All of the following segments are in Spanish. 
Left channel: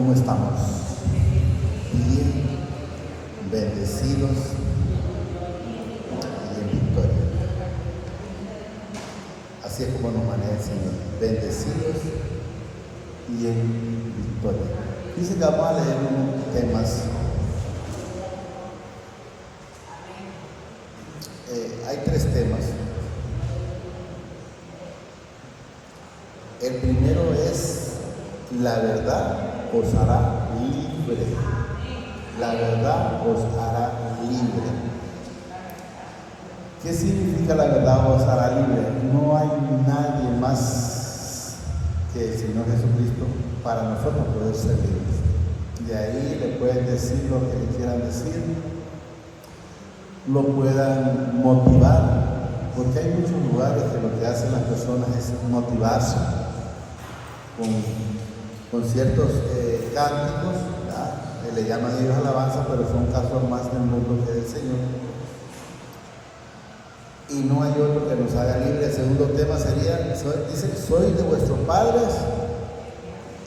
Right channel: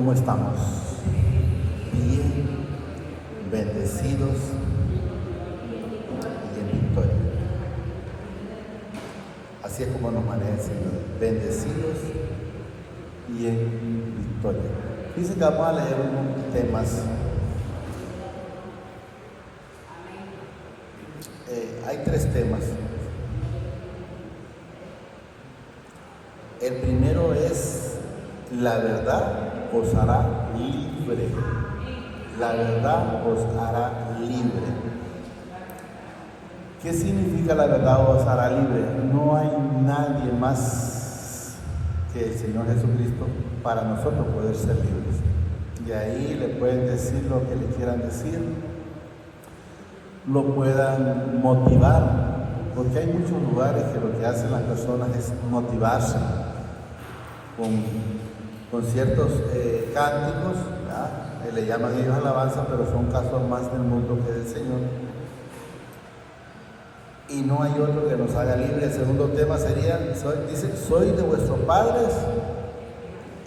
¿Cómo estamos? Bien, bendecidos y en victoria. Así es como nos maneja el Señor, bendecidos y en victoria. Dice que vamos a leer unos temas. Hay tres temas. El primero es: la verdad os hará libre. La verdad os hará libre. ¿Qué significa la verdad os hará libre? No hay nadie más que el Señor Jesucristo para nosotros poder ser libres. De ahí le pueden decir lo que le quieran decir, lo puedan motivar, porque hay muchos lugares que lo que hacen las personas es motivarse con ciertos cánticos, le llaman ellos alabanza, pero son casos más del mundo que del Señor. Y no hay otro que nos haga libre. El segundo tema sería, dice: soy de vuestros padres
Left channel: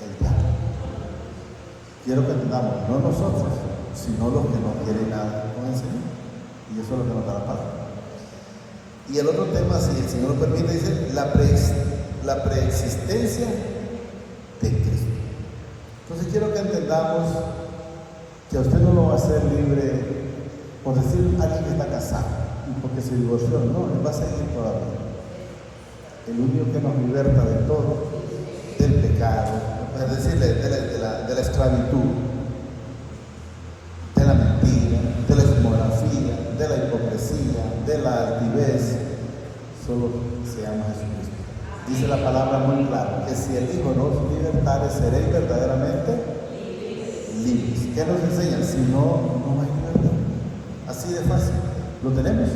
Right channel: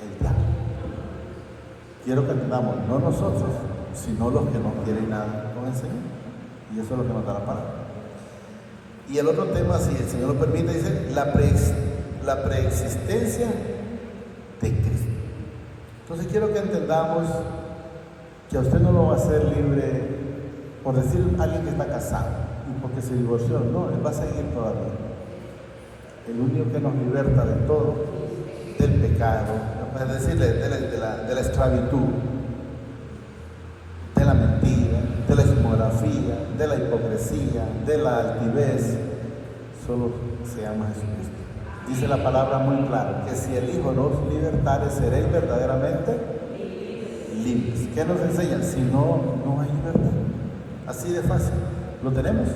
el diablo. Quiero que entendamos, no nosotros, sino los que no quieren nada con el Señor. Y eso es lo que nos da la palabra. Y el otro tema, si el Señor lo permite, dice la preexistencia de Cristo. Entonces quiero que entendamos que a usted no lo va a hacer libre por decir alguien que está casado y porque se divorció. No, él va a seguir todavía. El único que nos liberta de todo, del pecado, es decir, de la esclavitud, de la mentira, de la pornografía, de la hipocresía, de la altivez, solo se llama Jesucristo. Dice la palabra muy claro, que si el Hijo nos libertare, seréis verdaderamente libres. ¿Qué nos enseña? Si no, no hay libertad. Así de fácil. ¿Lo tenemos?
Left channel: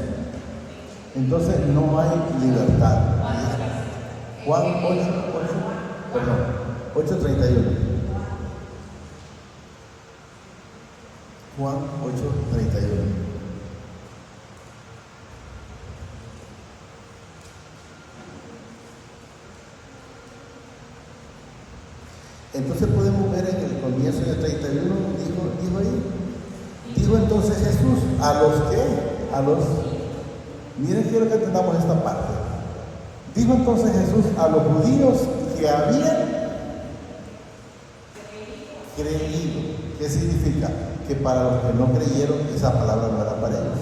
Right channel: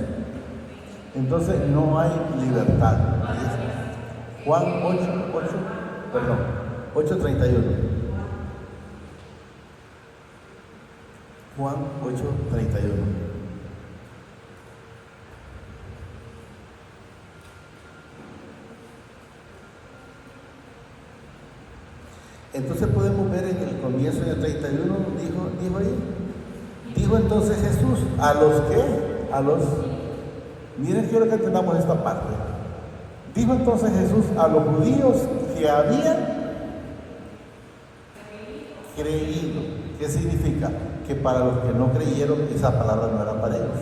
Entonces no hay libertad. Juan 8:31. Juan 8:31. Entonces podemos ver en el comienzo del 31, dijo entonces Jesús miren, quiero que entendamos esta parte. Dijo entonces Jesús a los judíos que habían creído. ¿Qué significa? Que para los que no creyeron, esa palabra no era para ellos.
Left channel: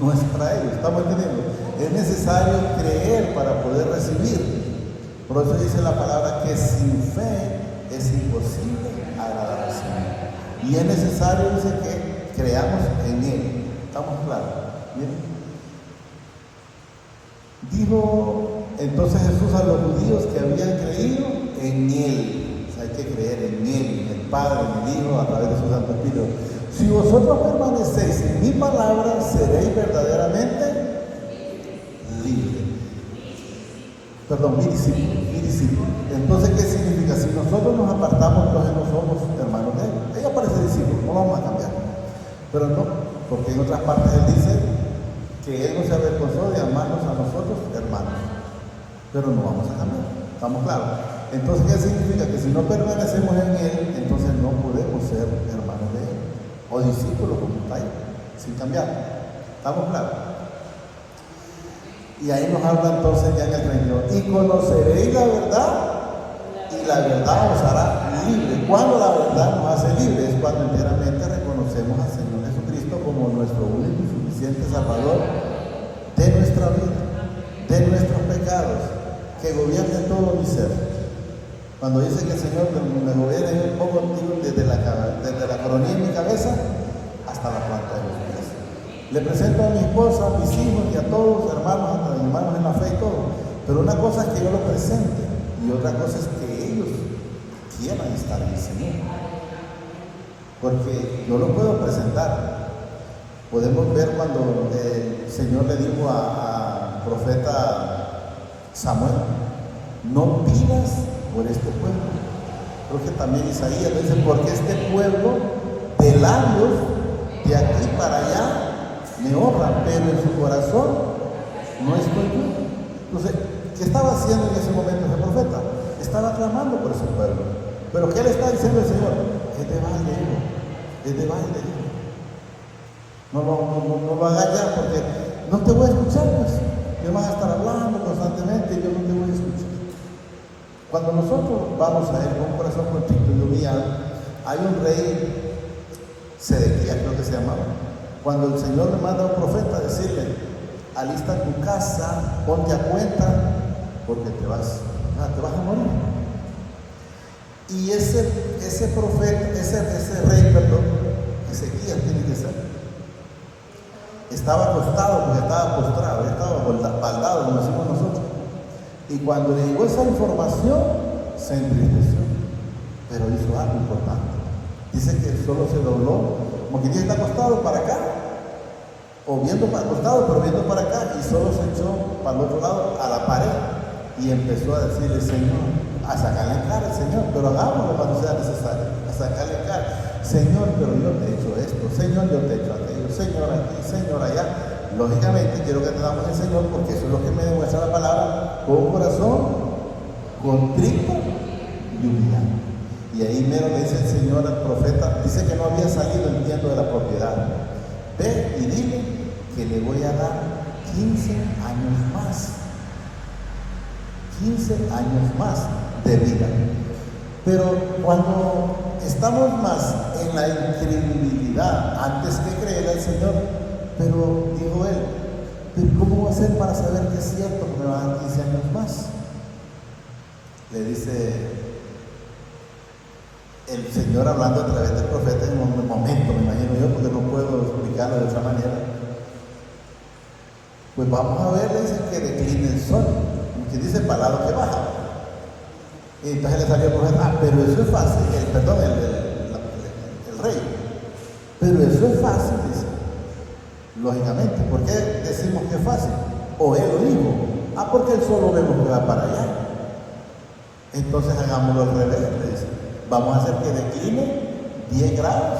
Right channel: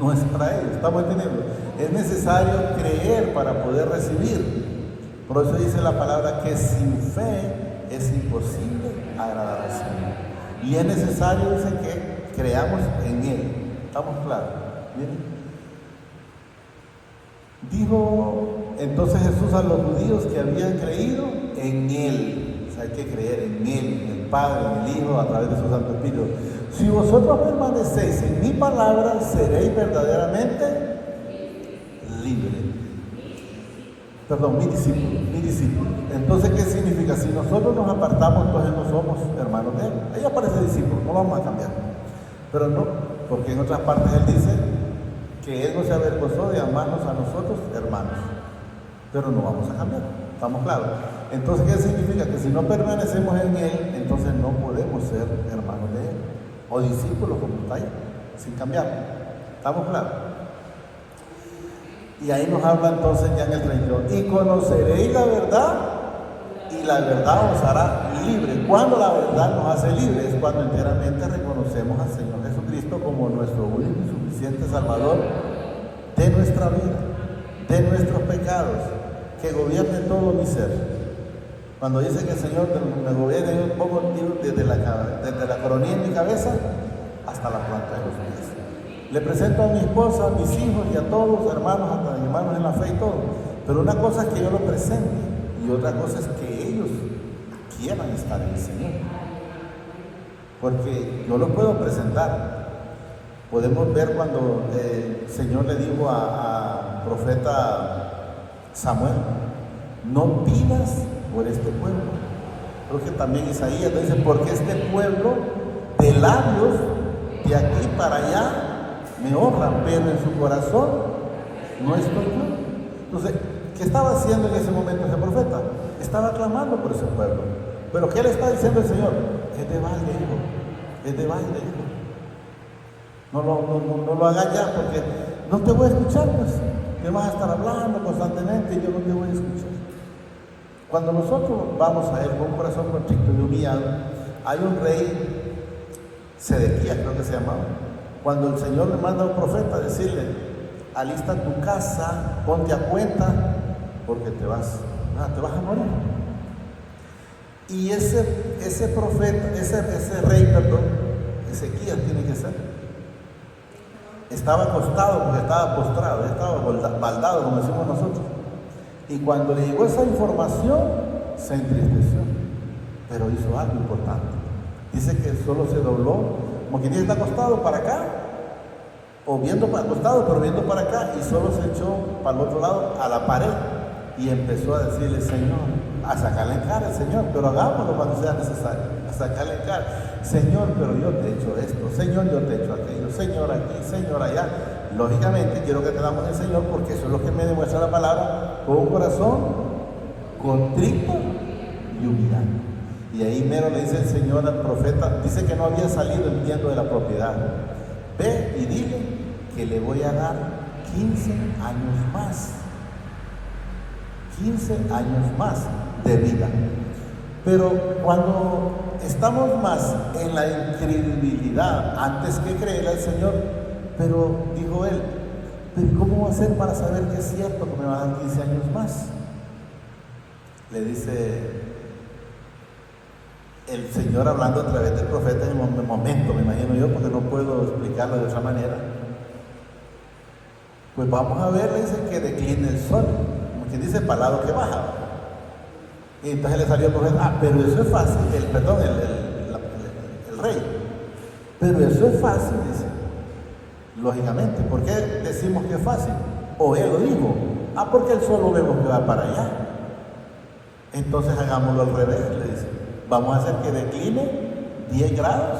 No es para ellos, ¿estamos entendiendo? Es necesario creer para poder recibir. Por eso dice la palabra que sin fe es imposible agradar al Señor. Y es necesario, dice, que creamos en Él. ¿Estamos claros? ¿Bien? Dijo entonces Jesús a los judíos que habían creído en Él. O sea, hay que creer en Él, en el Padre, en el Hijo, a través de su Santo Espíritu. Si vosotros permanecéis en mi palabra, seréis verdaderamente libres. Perdón, mi discípulo. Entonces, ¿qué significa? Si nosotros nos apartamos, entonces no somos hermanos de Él. Ella parece discípulo, no vamos a cambiar. Pero no, porque en otras partes Él dice que Él no se avergonzó de amarnos a nosotros, hermanos. Pero no vamos a cambiar, ¿estamos claros? Entonces, ¿qué significa? Que si no permanecemos en Él, entonces no podemos ser hermanos de Él. O discípulos, como está ahí, sin cambiar. ¿Estamos claros? Y ahí nos habla entonces ya en el 32. Y conoceréis la verdad, y la verdad os hará libre. Cuando la verdad nos hace libres es cuando enteramente reconocemos al Señor Jesucristo como nuestro único y suficiente Salvador de nuestra vida, de nuestros pecados, que gobierne todo mi ser. Cuando dice que el Señor me gobierne un poco desde la coronilla de mi cabeza hasta la planta de los pies. Le presento a mi esposa, a mis hijos y a todos los hermanos en la fe y todo. Pero una cosa es que yo lo presente y otra cosa es que ellos quieran estar en el Señor. Porque no lo puedo presentar. Podemos ver cuando el Señor le dijo al profeta Samuel: no pidas por este pueblo. Porque también Isaías dice: porque este pueblo de labios de aquí para allá me honra, pero en su corazón no estoy bien. Entonces, ¿qué estaba haciendo en ese momento ese profeta? Estaba clamando por ese pueblo. Pero ¿qué le está diciendo el Señor? Es de baile, hijo. Es de baile, hijo. No lo hagas ya porque no te voy a escuchar, pues. Me vas a estar hablando constantemente y yo no te voy a escuchar. Cuando nosotros vamos a Él con un corazón contrito y humillado, hay un rey, Sedequías creo que se llamaba, cuando el Señor le manda a un profeta a decirle, alista tu casa, ponte a cuenta, porque te vas a morir. Y ese profeta, ese rey, perdón, Ezequías tiene que ser, estaba acostado, porque estaba postrado, estaba baldado, como decimos nosotros. Y cuando le llegó esa información, se entristeció, pero hizo algo importante. Dice que solo se dobló, como que está acostado para acá, o viendo para acostado, pero viendo para acá, y solo se echó para el otro lado, a la pared, y empezó a decirle, Señor, a sacarle en cara al Señor, pero hagámoslo cuando sea necesario, a sacarle en cara, Señor, pero yo te he hecho esto, Señor, yo te he hecho aquello, Señor aquí, Señor allá. Lógicamente quiero que te damos el Señor, porque eso es lo que me demuestra la palabra, con un corazón contrito y humillado. Y ahí mero le dice el Señor al profeta, dice que no había salido el tiempo de la propiedad. Ve y dile que le voy a dar 15 años más. 15 años más de vida. Pero cuando estamos más en la incredulidad antes que creer al Señor, pero dijo él, ¿pero cómo voy a hacer para saber que es cierto que me va a dar 15 años más? Le dice el Señor hablando a través del profeta en un momento, me imagino yo, porque no puedo explicarlo de otra manera. Pues vamos a ver, dice que decline el sol, que dice palabra que baja. Y entonces le salió el profeta, pero eso es fácil, el rey. Pero eso es fácil, dice. Lógicamente, ¿por qué decimos que es fácil? O él lo dijo, porque el sol lo vemos que va para allá. Entonces hagámoslo al revés, le dice. Vamos a hacer que decline 10 grados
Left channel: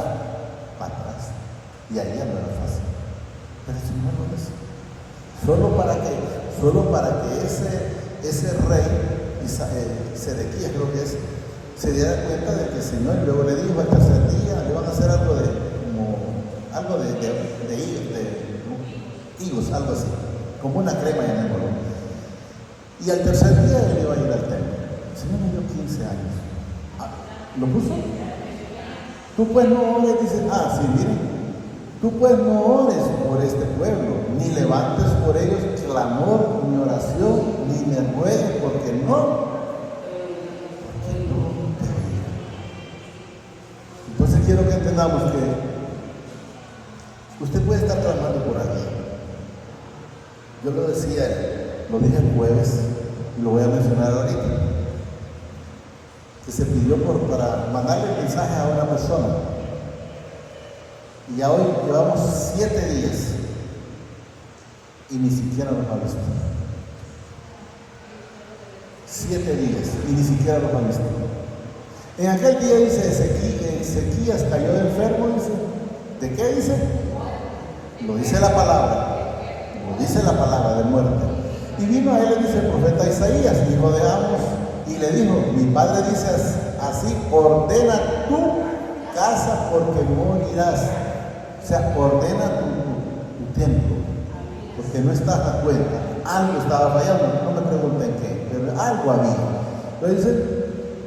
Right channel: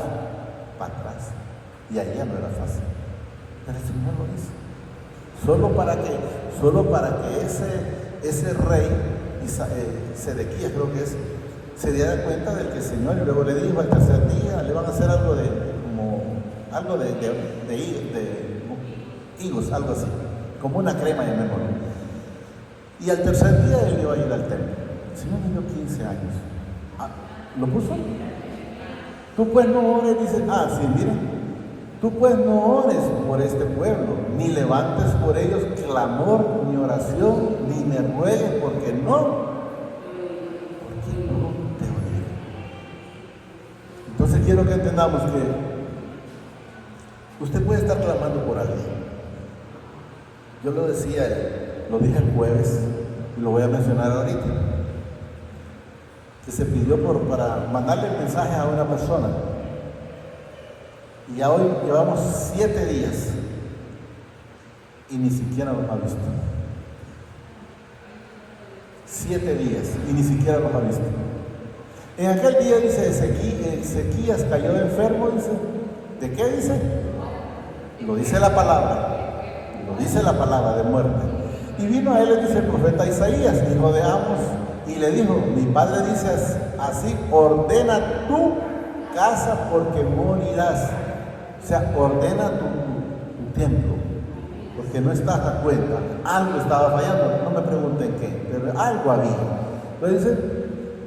para atrás. Y ahí ya no era fácil. Pero eso no lo dice. Solo para que ese rey, Sedequías creo que es, se diera cuenta de que el Señor luego le dijo al tercer día, le van a hacer algo de higos, algo así, como una crema de negro. Y al tercer día él iba a ir al templo. El Señor me dio 15 años. ¿Lo puso? Tú pues no ores, dice, sí, miren. Tú pues no ores por este pueblo, ni levantes por ellos clamor, ni oración, ni me ruegues, porque no. Entonces quiero que entendamos que usted puede estar clamando por alguien. Yo lo decía, lo dije el jueves, y lo voy a mencionar ahorita, que se pidió para mandarle el mensaje a una persona. Y ya hoy llevamos 7 días y ni siquiera los ha visto. 7 días y ni siquiera los ha visto. En aquel día dice Ezequías cayó enfermo, dice. ¿De qué dice? Lo dice la palabra. Lo dice la palabra de muerte. Y vino a él, dice el profeta Isaías, y lo dejamos, y le dijo, mi padre dice así, ordena tu casa porque morirás. O sea, ordena tu tiempo, porque no estás a cuenta. Algo estaba fallando, no me pregunten qué, pero algo había. Entonces dice,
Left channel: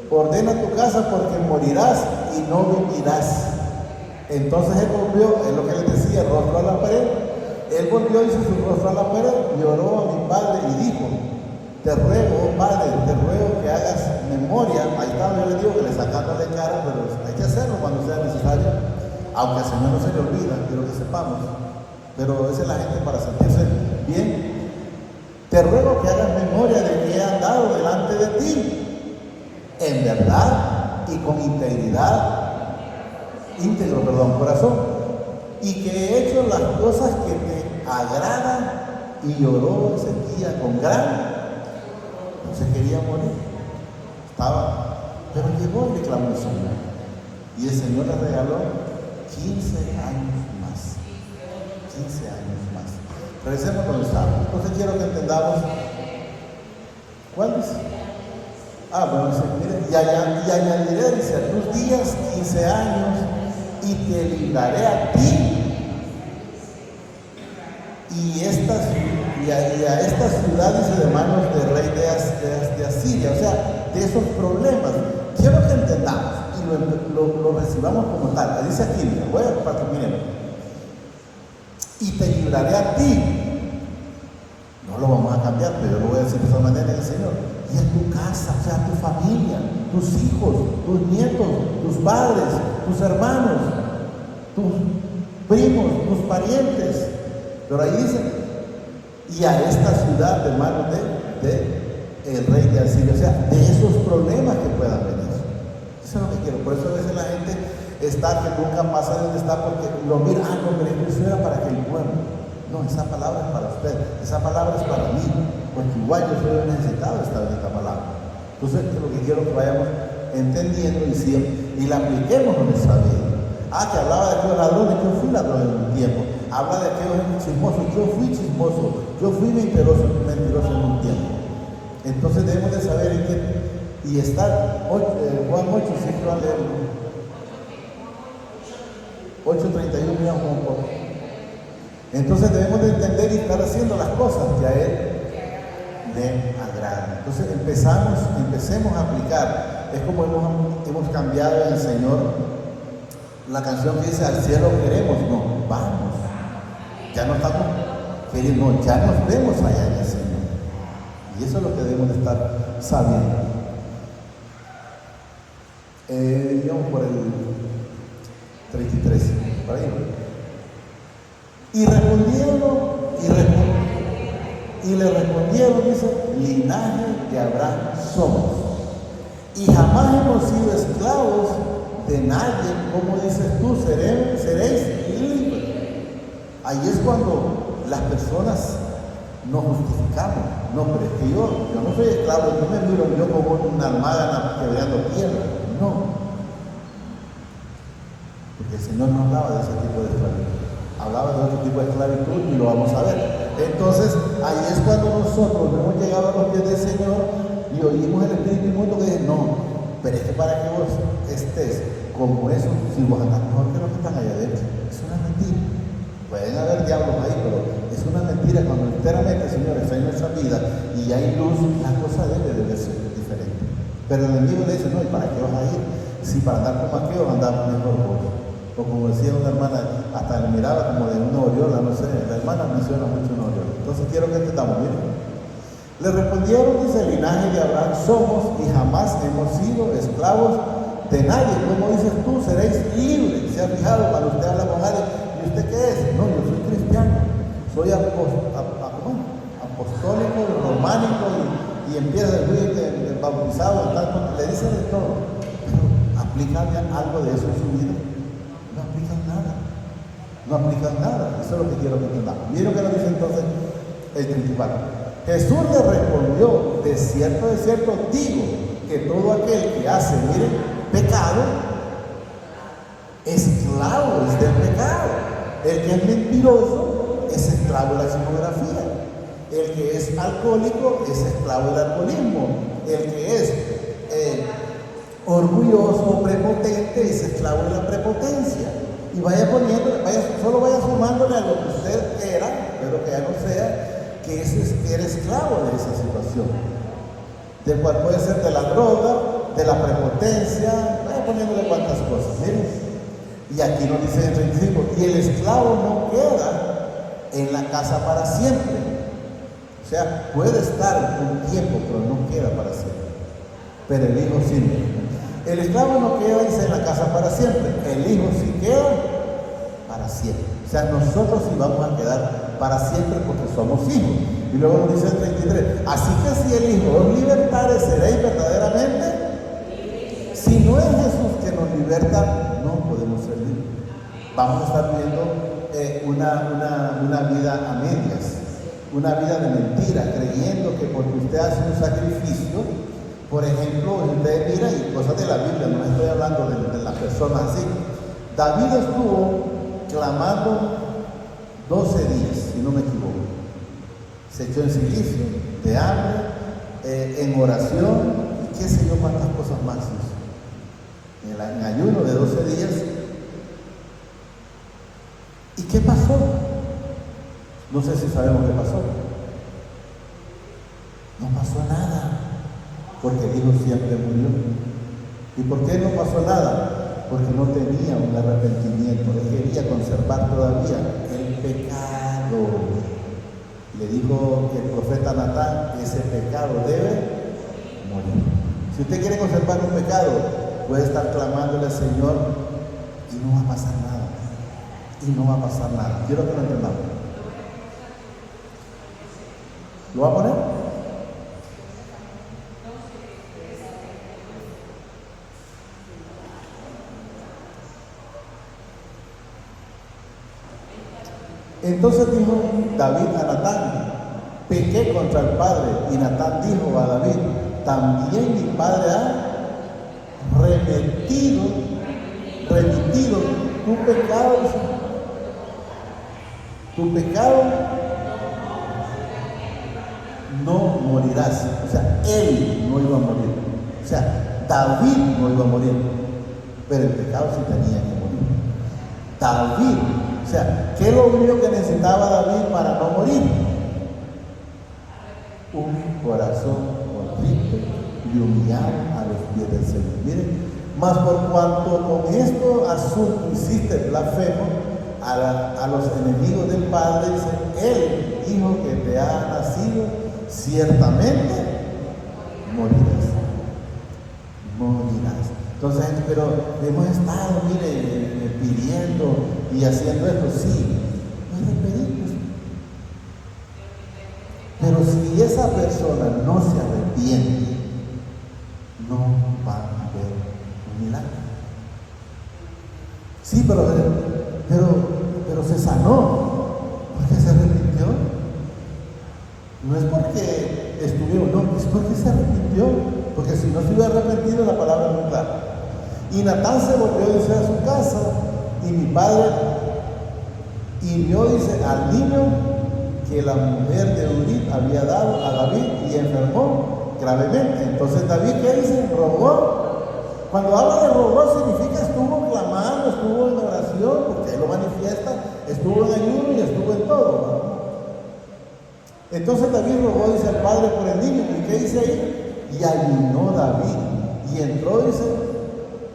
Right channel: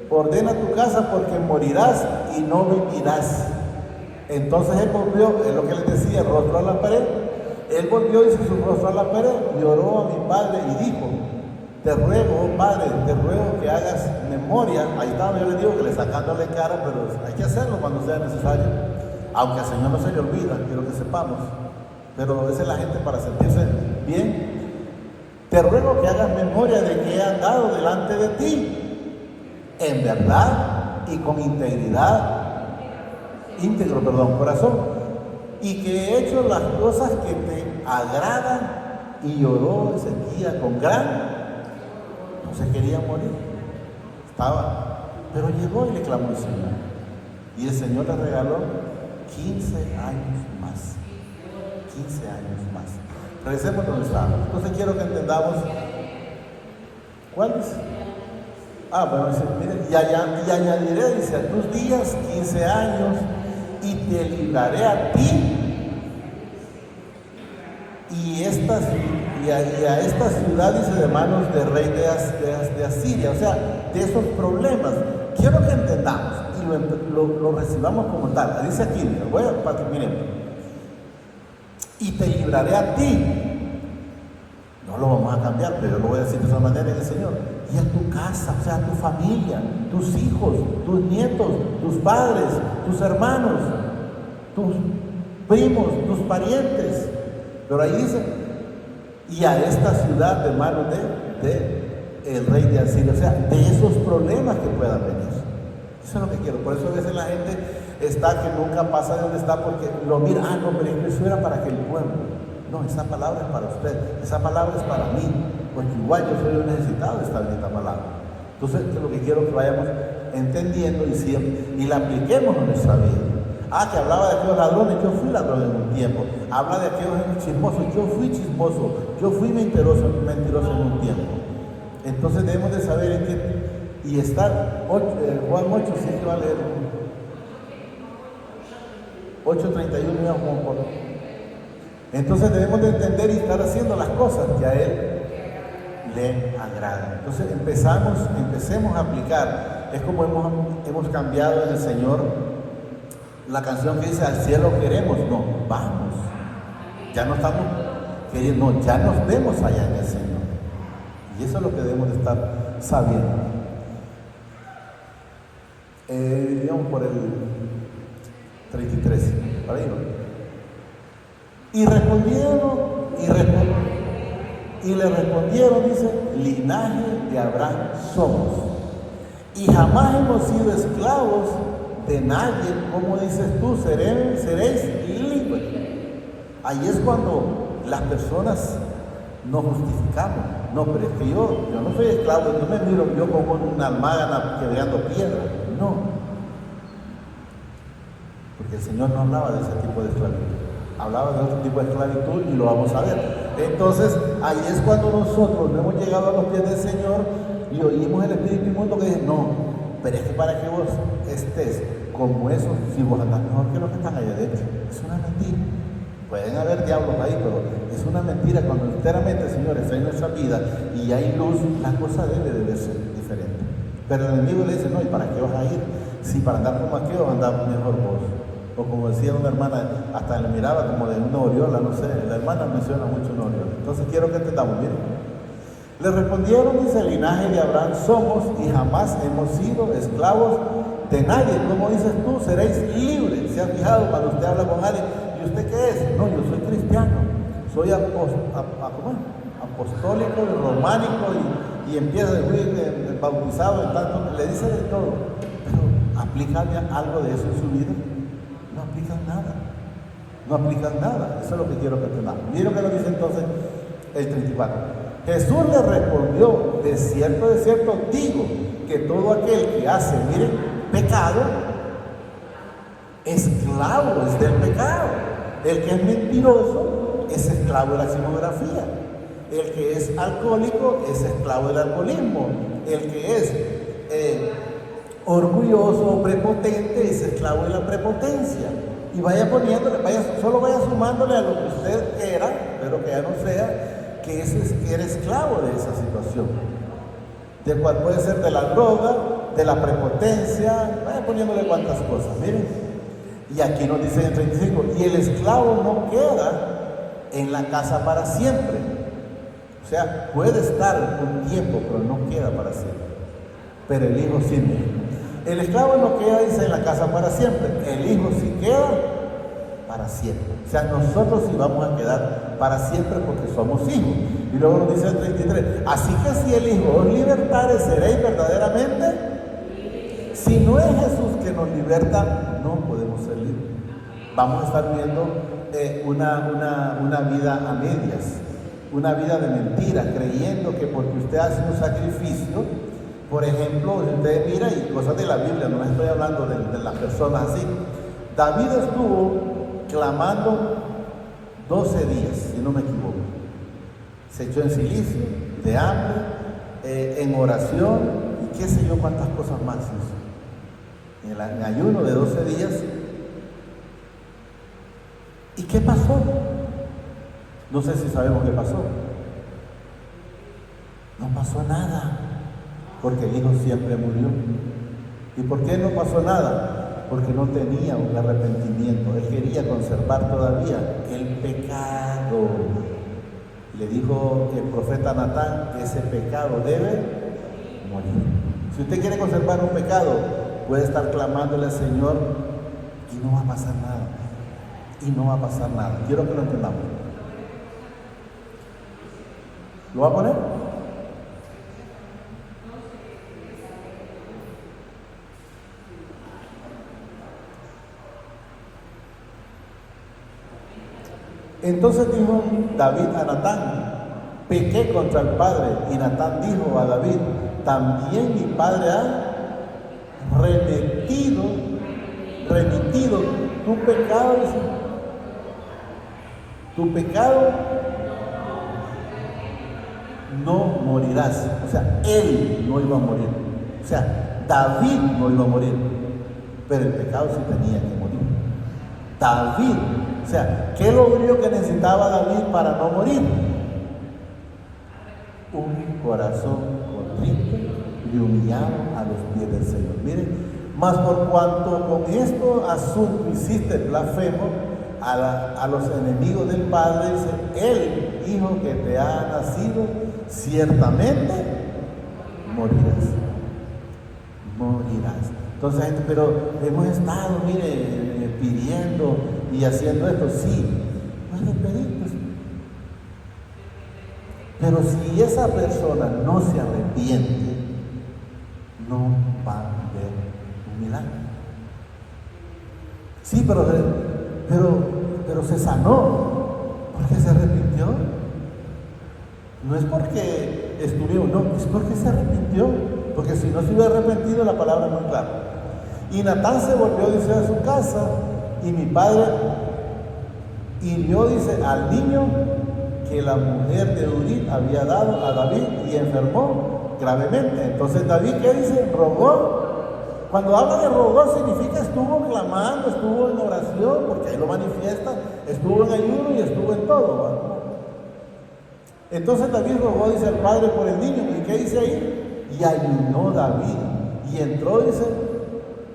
ordena tu casa porque morirás y no vivirás. Entonces él volvió, es lo que le decía, rostro a la pared. Él volvió y hizo su rostro a la pared, lloró a mi padre y dijo, te ruego, oh padre, te ruego que hagas memoria. Ahí estaba, yo le digo que le sacándole cara, pero hay que hacerlo cuando sea necesario. Aunque al Señor no se le olvida, quiero que sepamos, pero esa es la gente para sentirse bien. Te ruego que hagas memoria de que he andado delante de ti, en verdad y con corazón, y que he hecho las cosas que te agradan. Y lloró Ezequías con gran, no se quería morir, pero llegó y le clamó al Señor, y el Señor le regaló 15 años más. 15 años más. Regresemos con los años. Entonces quiero que entendamos. ¿Cuál es? Bueno, dice, mira, y añadiré, dice, tus días 15 años y te libraré a ti y a estas ciudades de manos del rey de Asiria, o sea, de esos problemas. Quiero que entendamos y lo recibamos como tal. Dice aquí, bueno, para que miren, y te libraré a ti. No lo vamos a cambiar, pero yo lo voy a decir de esa manera, el Señor. Y a tu casa, o sea, a tu familia, tus hijos, tus nietos, tus padres, tus hermanos, tus primos, tus parientes. Pero ahí dice, y a esta ciudad de manos de el rey de Asiria, o sea, de esos problemas que puedan venir. Eso es lo que quiero. Por eso a veces la gente está que nunca pasa de donde está porque lo mira, no, pero eso era para que el pueblo. No, esa palabra es para usted, esa palabra es para mí, porque igual yo soy un necesitado de esta bendita palabra. Entonces, lo que quiero es que vayamos entendiendo y la apliquemos en nuestra vida. Que hablaba de aquellos ladrones, yo fui ladrón en un tiempo. Habla de aquellos chismosos, yo fui chismoso, yo fui mentiroso en un tiempo. Entonces debemos de saber en qué, y estar, Juan 8, sí, Juan 8:31, mira un poco. Entonces debemos de entender y estar haciendo las cosas que a Él le agradan. Entonces empecemos a aplicar. Es como hemos cambiado en el Señor la canción que dice, al cielo queremos, no, vamos. Ya no estamos queriendo, ya nos vemos allá en el Señor. Y eso es lo que debemos de estar sabiendo. Digamos por el 33, ¿está bien? Y le respondieron, dice, linaje de Abraham somos, y jamás hemos sido esclavos de nadie, como dices tú, seréis libres. Ahí es cuando las personas nos justificamos. No, pero es que yo no soy esclavo, yo me miro yo como una almada quebrando tierra. No. Porque el Señor no hablaba de ese tipo de esclavitud. Hablaba de otro tipo de esclavitud y lo vamos a ver. Entonces, ahí es cuando nosotros hemos llegado a los pies del Señor y oímos el Espíritu Inmundo que dice, no, pero es que para que vos estés como eso, si vos andás mejor que los que están allá adentro, es una mentira. Pueden haber diablos ahí, pero es una mentira. Cuando enteramente, Señor, está en nuestra vida y hay luz, las cosas deben de ser diferentes. Pero el enemigo le dice, no, ¿y para qué vas a ir? Si para andar como aquí vas a andar mejor vos. O como decía una hermana, hasta le miraba como de una oriola, no sé, la hermana menciona mucho una oriola. Entonces quiero que entendamos, miren. Le respondieron, dice, el linaje de Abraham somos y jamás hemos sido esclavos de nadie. Como dices tú, seréis libres. ¿Se ha fijado cuando usted habla con alguien? ¿Y usted qué es? No, yo soy cristiano, soy apostólico, románico y empieza a decir bautizado, tanto, le dicen de todo. Pero ¿aplican algo de eso en su vida? No aplican nada. No aplican nada. Eso es lo que quiero que entendamos. Miren lo que dice entonces el 34. Jesús le respondió, de cierto digo, que todo aquel que hace, miren, pecado, esclavo es del pecado. El que es mentiroso es esclavo de la pornografía. El que es alcohólico es esclavo del alcoholismo. El que es orgulloso o prepotente es esclavo de la prepotencia. Y vaya poniéndole, solo vaya sumándole a lo que usted era, pero que ya no sea, que era esclavo de esa situación. De cual puede ser de la droga, de la prepotencia, vaya poniéndole cuantas cosas. Miren. Y aquí nos dice en 35, y el esclavo no queda en la casa para siempre. O sea, puede estar un tiempo, pero no queda para siempre. Pero el hijo sí. El esclavo no queda, dice, en la casa para siempre. El hijo sí queda para siempre. O sea, nosotros sí vamos a quedar para siempre porque somos hijos. Y luego nos dice el 33, así que si el hijo os libertare, seréis verdaderamente. Si no es Jesús que nos liberta, no podemos ser libres. Vamos a estar viviendo una vida a medias, una vida de mentira, creyendo que porque usted hace un sacrificio, por ejemplo, usted mira y cosas de la Biblia, no estoy hablando de las personas así. David estuvo clamando 12 días, si no me equivoco. Se echó en silicio, de hambre, en oración, y qué sé yo cuántas cosas más hizo. En ayuno de 12 días. ¿Y qué pasó? No sé si sabemos qué pasó. No pasó nada, porque el hijo siempre murió. ¿Y por qué no pasó nada? Porque no tenía un arrepentimiento. Él quería conservar todavía el pecado. Le dijo el profeta Natán que ese pecado debe morir. Si usted quiere conservar un pecado, puede estar clamándole al Señor y no va a pasar nada. Y no va a pasar nada. Quiero que lo entendamos. ¿Lo va a poner? Entonces dijo David a Natán: pequé contra el Padre. Y Natán dijo a David: también mi Padre ha remitido tu pecado. Tu pecado no morirás. O sea, él no iba a morir. O sea, David no iba a morir. Pero el pecado sí tenía que morir. David, o sea, ¿qué es lo único que necesitaba David para no morir? Un corazón contrito y humillado a los pies del Señor. Miren, mas por cuanto con esto asunto hiciste blasfemo a los enemigos del Padre, dice, el hijo que te ha nacido, ciertamente morirás. Morirás. Entonces, pero hemos estado, mire, pidiendo y haciendo esto, sí, no es de pedir. Pero si esa persona no se arrepiente, no va a haber un milagro. Sí, pero se sanó. ¿Por qué se arrepintió? No es porque estuvo, no, es porque se arrepintió. Porque si no se hubiera arrepentido, la palabra no es clara. Y Natán se volvió, dice, a su casa, y mi padre hirió, dice, al niño que la mujer de Urit había dado a David y enfermó gravemente. Entonces David, ¿qué dice? Rogó. Cuando habla de rogó significa estuvo clamando, estuvo en oración, porque ahí lo manifiesta, estuvo en ayuno y estuvo en todo, ¿no? Entonces David rogó, dice, al padre por el niño. ¿Y qué dice ahí? Y ayunó David y entró, dice,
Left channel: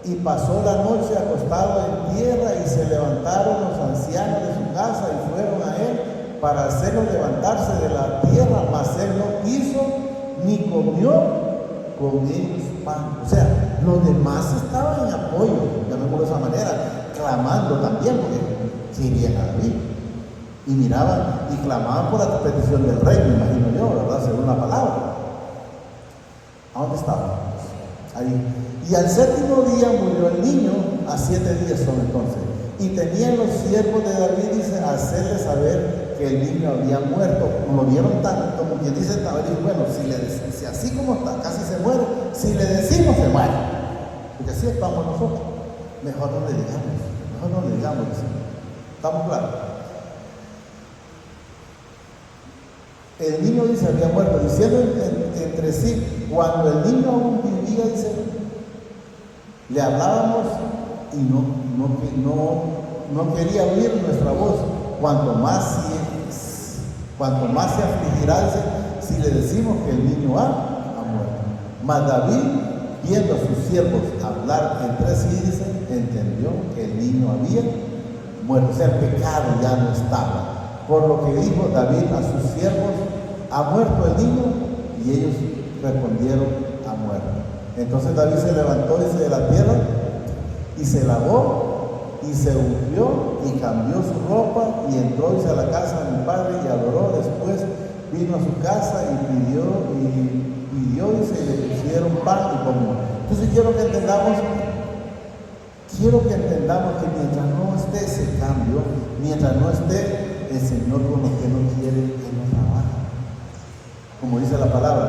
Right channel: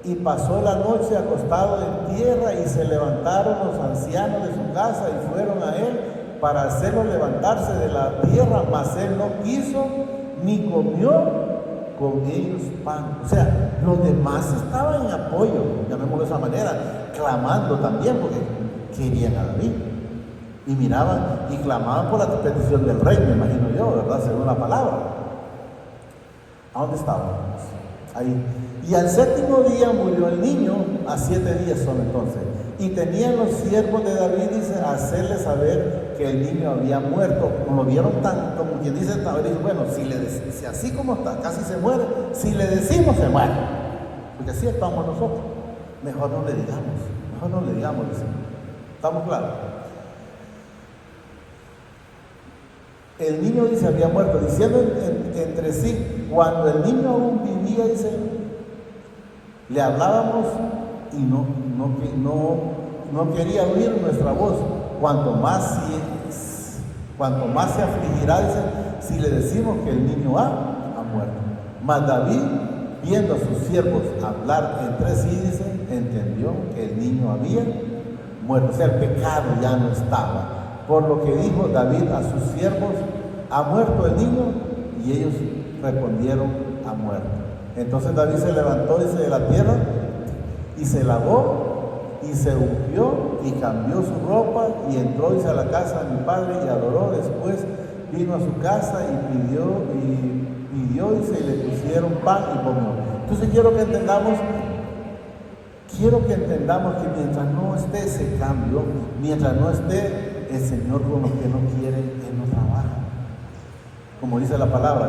y pasó la noche acostado en tierra, y se levantaron los ancianos de su casa y fueron a él para hacerlo levantarse de la tierra, mas él no quiso ni comió con ellos pan. O sea, los demás estaban en apoyo, de esa manera, clamando también, porque querían a David. Y miraban y clamaban por la petición del rey, me imagino yo, ¿verdad? Según la palabra. ¿A dónde estábamos? Ahí. Y al séptimo día murió el niño, a 7 días son entonces. Y tenían los siervos de David, dice, hacerle saber que el niño había muerto. Como vieron tan, como quien dice, David, bueno, si así como está, casi se muere, si le decimos se muere. Porque así estamos nosotros. Mejor no le digamos, ¿estamos claros? El niño, dice, había muerto, diciendo entre sí, cuando el niño aún vivía, dice, le hablábamos y no quería oír nuestra voz. Cuanto más se afligirá, dice, si le decimos que el niño ha muerto. Mas David, viendo a sus siervos hablar entre sí, dice, entendió que el niño había muerto. O sea, el pecado ya no estaba. Por lo que dijo David a sus siervos, ha muerto el niño, y ellos respondieron, ha muerto. Entonces David se levantó, dice, de la tierra, y se lavó, y se ungió, y cambió su ropa, y entró, dice, a la casa de mi padre, y adoró. Después vino a su casa, y pidió, dice, y le pusieron pan y comió. Entonces quiero que entendamos que mientras no esté ese cambio, mientras no esté el Señor con lo que no quiere, Él no trabaja. Como dice la palabra,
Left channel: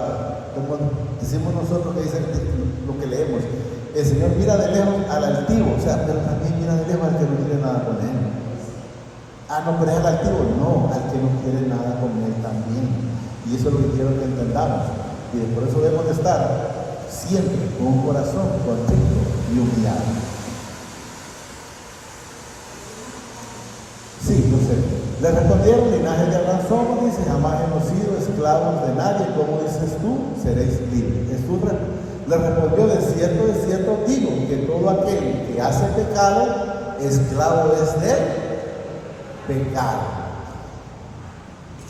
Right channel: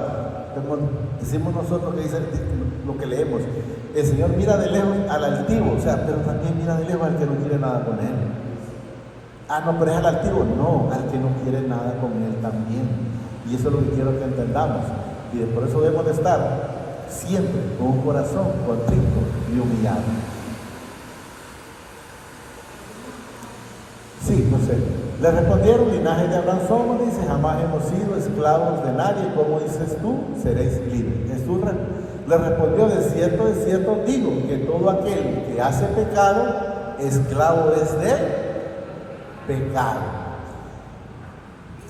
como decimos nosotros, que dice lo que leemos, el Señor mira de lejos al altivo, o sea, pero también mira de lejos al que no quiere nada con Él. Ah, no, pero es al altivo, no, al que no quiere nada con Él también. Y eso es lo que quiero que entendamos. Y por eso debemos de estar siempre con un corazón contrito y humillado. Sí, yo sé. Le respondieron: linaje de Abraham somos, dice, jamás hemos sido esclavos de nadie. ¿Cómo dices tú? Seréis libres. Jesús le respondió: de cierto digo, que todo aquel que hace pecado, esclavo es de pecado.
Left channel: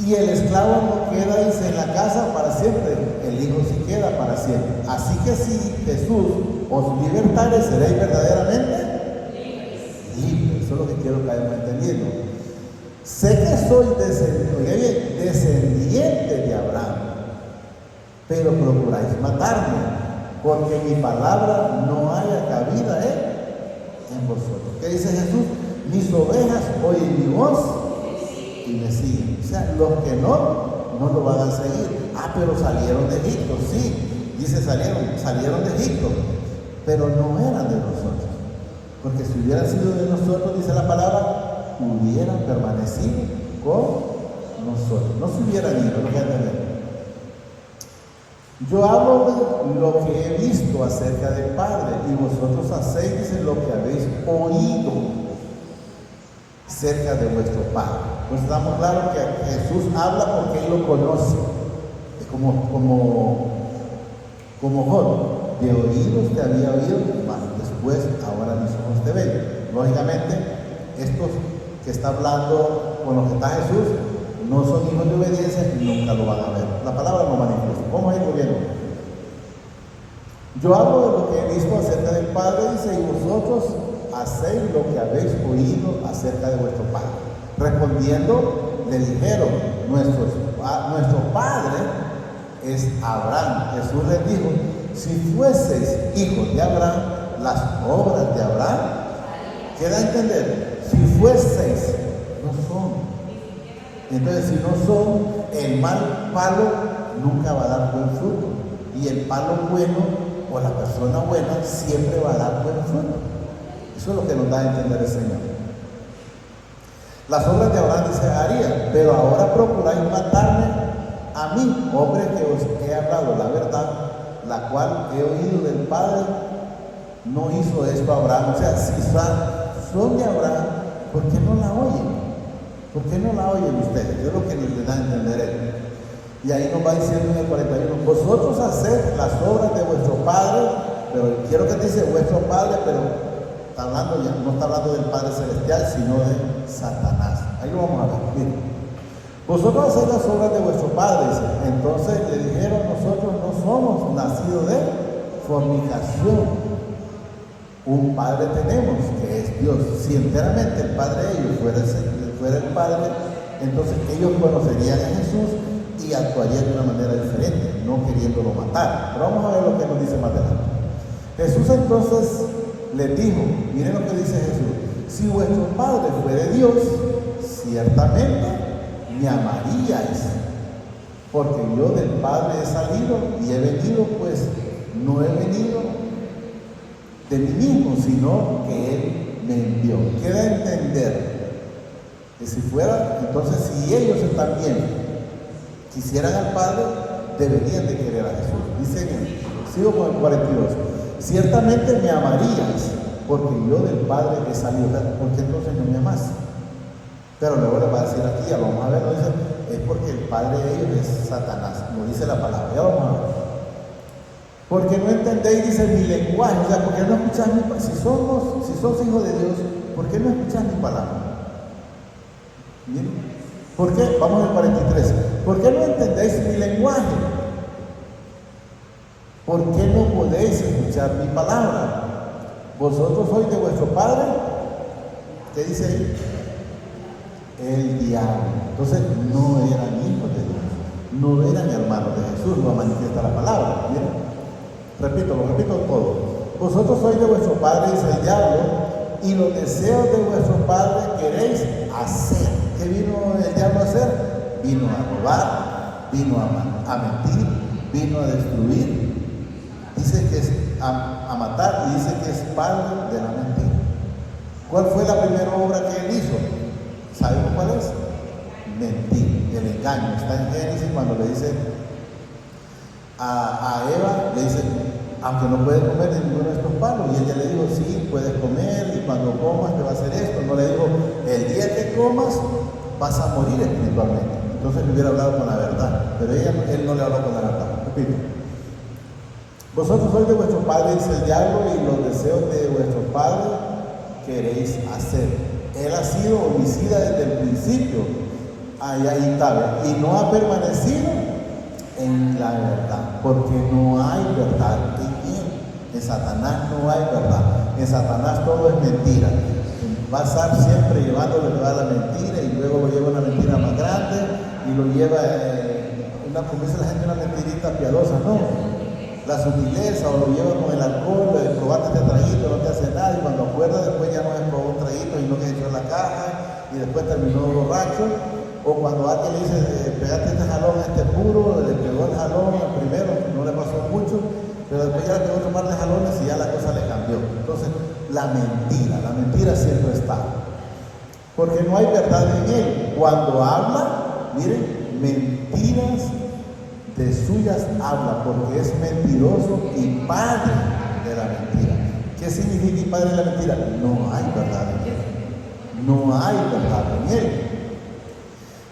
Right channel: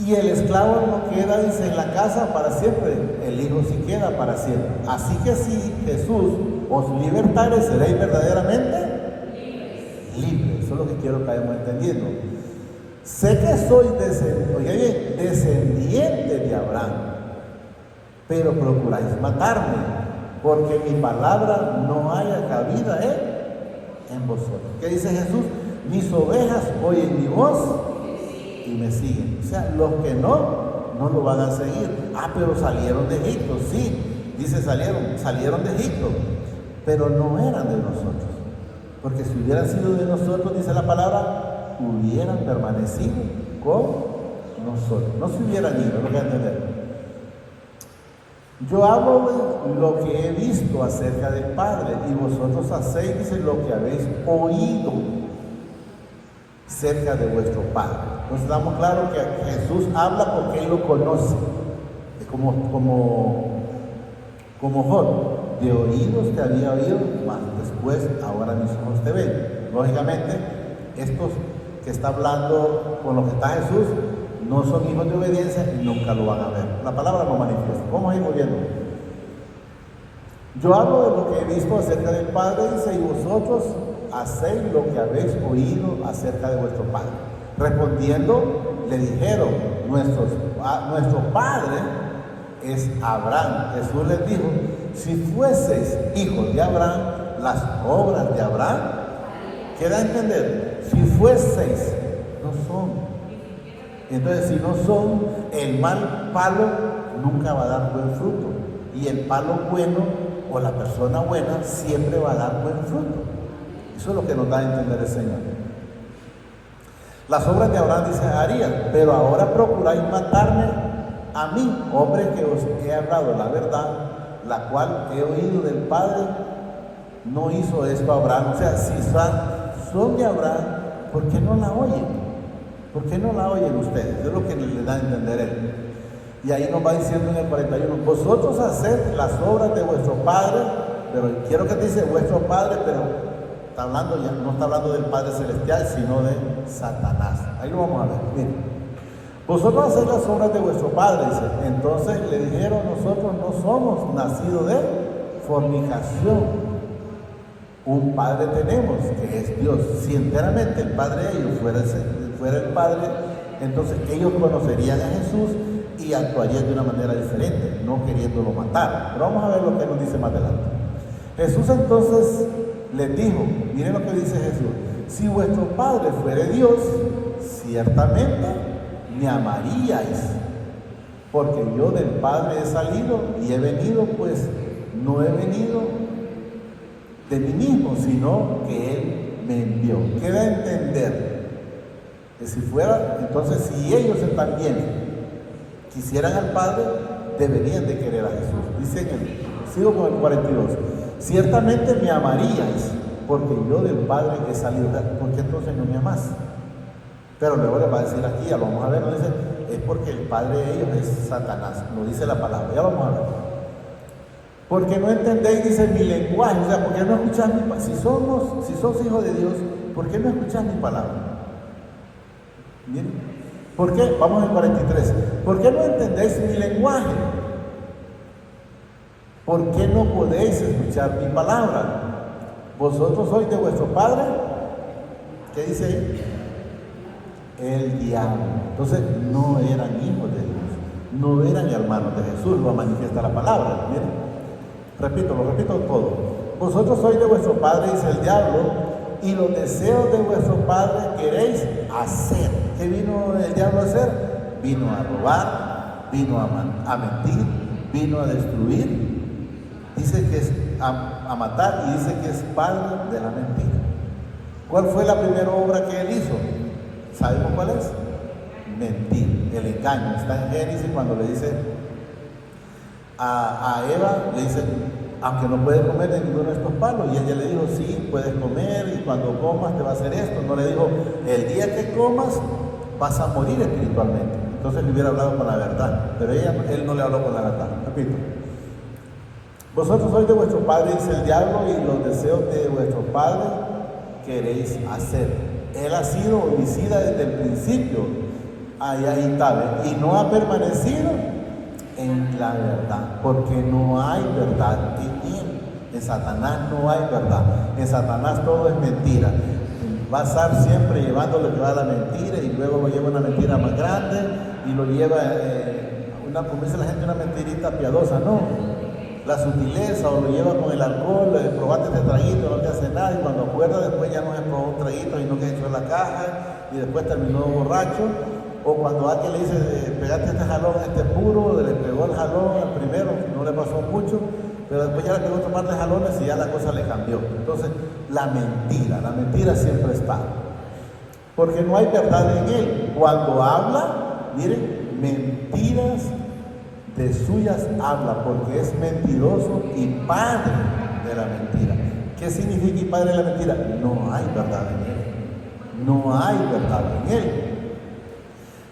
Y el esclavo no queda, dice, en la casa para siempre, el hijo sí queda para siempre. Así que si Jesús os libertare, seréis verdaderamente libres. Eso es lo que quiero que vayan entendiendo. Sé que soy descendiente de Abraham, pero procuráis matarme, porque mi palabra no haya cabida en vosotros. ¿Qué dice Jesús? Mis ovejas oyen mi voz y me siguen. O sea, los que no lo van a seguir. Pero salieron de Egipto, sí, dice salieron de Egipto, pero no eran de nosotros. Porque si hubieran sido de nosotros, dice la palabra, hubieran permanecido con nosotros. No se hubieran ido, lo voy a entender. Yo hablo de lo que he visto acerca del Padre, y vosotros hacéis, dice, lo que habéis oído cerca de vuestro Padre. Nos estamos claros que Jesús habla porque Él lo conoce. Como Job, de oídos te había oído, mas después ahora mis ojos te ven. Lógicamente, estos que está hablando con los que está Jesús no son hijos de obediencia y nunca lo van a ver. La palabra lo manifiesta. Vamos a ir viendo. Yo hablo de lo que he visto acerca del Padre, dice, y vosotros hacéis lo que habéis oído acerca de vuestro Padre. Respondiendo, le dijeron: nuestro Padre es Abraham. Jesús les dijo: si fueseis hijos de Abraham, las obras de Abraham, ¿qué da a entender? Si fueseis, no son. Entonces, si no son, el mal palo nunca va a dar buen fruto, y el palo bueno o la persona buena siempre va a dar buen fruto. Eso es lo que nos da a entender el Señor. Las obras de Abraham, dice, haría, pero ahora procuráis matarme a mí, hombre que os he hablado la verdad, la cual he oído del Padre. No hizo esto Abraham. O sea, si son de Abraham, ¿por qué no la oyen? ¿Por qué no la oyen ustedes? Es lo que les da a entender él. Y ahí nos va diciendo en el 41, vosotros haced las obras de vuestro Padre, pero quiero que te dice vuestro Padre, pero no está hablando del Padre Celestial, sino de Satanás. Ahí vamos a ver. Miren. Vosotros haced las obras de vuestro Padre, dice. Entonces le dijeron: nosotros no somos nacidos de fornicación. Un Padre tenemos, que es Dios. Si enteramente el Padre de ellos fuera el Padre, entonces ellos conocerían a Jesús y actuarían de una manera diferente, no queriéndolo matar. Pero vamos a ver lo que nos dice más adelante. Jesús entonces les dijo, miren lo que dice Jesús: si vuestro Padre fuere Dios, ciertamente me amaríais, porque yo del Padre he salido y he venido, pues no he venido de mí mismo, sino que Él me envió. Queda a entender que si fuera, entonces si ellos también quisieran al Padre, deberían de querer a Jesús. Dice, sigo con el 42, ciertamente me amarías, porque yo del Padre he salido. ¿Por qué entonces no me amas? Pero luego le va a decir aquí, ya vamos a ver, dice, es porque el padre de ellos es Satanás, lo dice la palabra, ya vamos a ver. Porque no entendéis, dice, mi lenguaje, o sea, ¿por qué no escucháis mi palabra? Si sos hijos de Dios, ¿por qué no escucháis mi palabra? ¿Bien? ¿Por qué? Vamos al 43. ¿Por qué no entendéis mi lenguaje? ¿Por qué no podéis escuchar mi palabra? ¿Vosotros sois de vuestro padre? ¿Qué dice ahí? El diablo. Entonces no eran hijos de Dios, no eran hermanos de Jesús, lo manifiesta la palabra. ¿Bien? Lo repito todo. Vosotros sois de vuestro padre, dice el diablo, y los deseos de vuestro padre queréis hacer. ¿Qué vino el diablo a hacer? Vino a robar, vino a mentir, vino a destruir. Dice que es a matar, y dice que es padre de la mentira. ¿Cuál fue la primera obra que él hizo? ¿Saben cuál es? Mentir, el engaño. Está en Génesis cuando le dice a Eva, le dice, aunque no puede comer de ninguno de estos palos. Y ella le dijo, sí, puedes comer, y cuando comas te va a hacer esto. No le dijo, el día que comas vas a morir espiritualmente. Entonces le hubiera hablado con la verdad, pero él no le habló con la verdad. Repito, vosotros sois de vuestro padre el diablo, y los deseos de vuestro padre queréis hacer. Él ha sido homicida desde el principio, ahí está, y no ha permanecido en la verdad, porque no hay verdad en él. En Satanás no hay verdad, en Satanás todo es mentira. Va a estar siempre llevando lo que va a la mentira, y luego lo lleva una mentira más grande, y lo lleva, como dice la gente, una mentirita piadosa, no, la sutileza, o lo lleva con el alcohol, el probate este traguito, no te hace nada, y cuando acuerda después ya no es probó un traguito y no le echó la caja, y después terminó borracho. O cuando alguien le dice, pegate este jalón, este puro, le pegó el jalón primero, no le pasó mucho, pero después ya le pegó otro par de jalones y ya la cosa le cambió. Entonces, la mentira siempre está, porque no hay verdad en él. Cuando habla, miren, mentiras de suyas habla, porque es mentiroso y padre de la mentira. ¿Qué significa y padre de la mentira? No hay verdad en él, no hay verdad en él.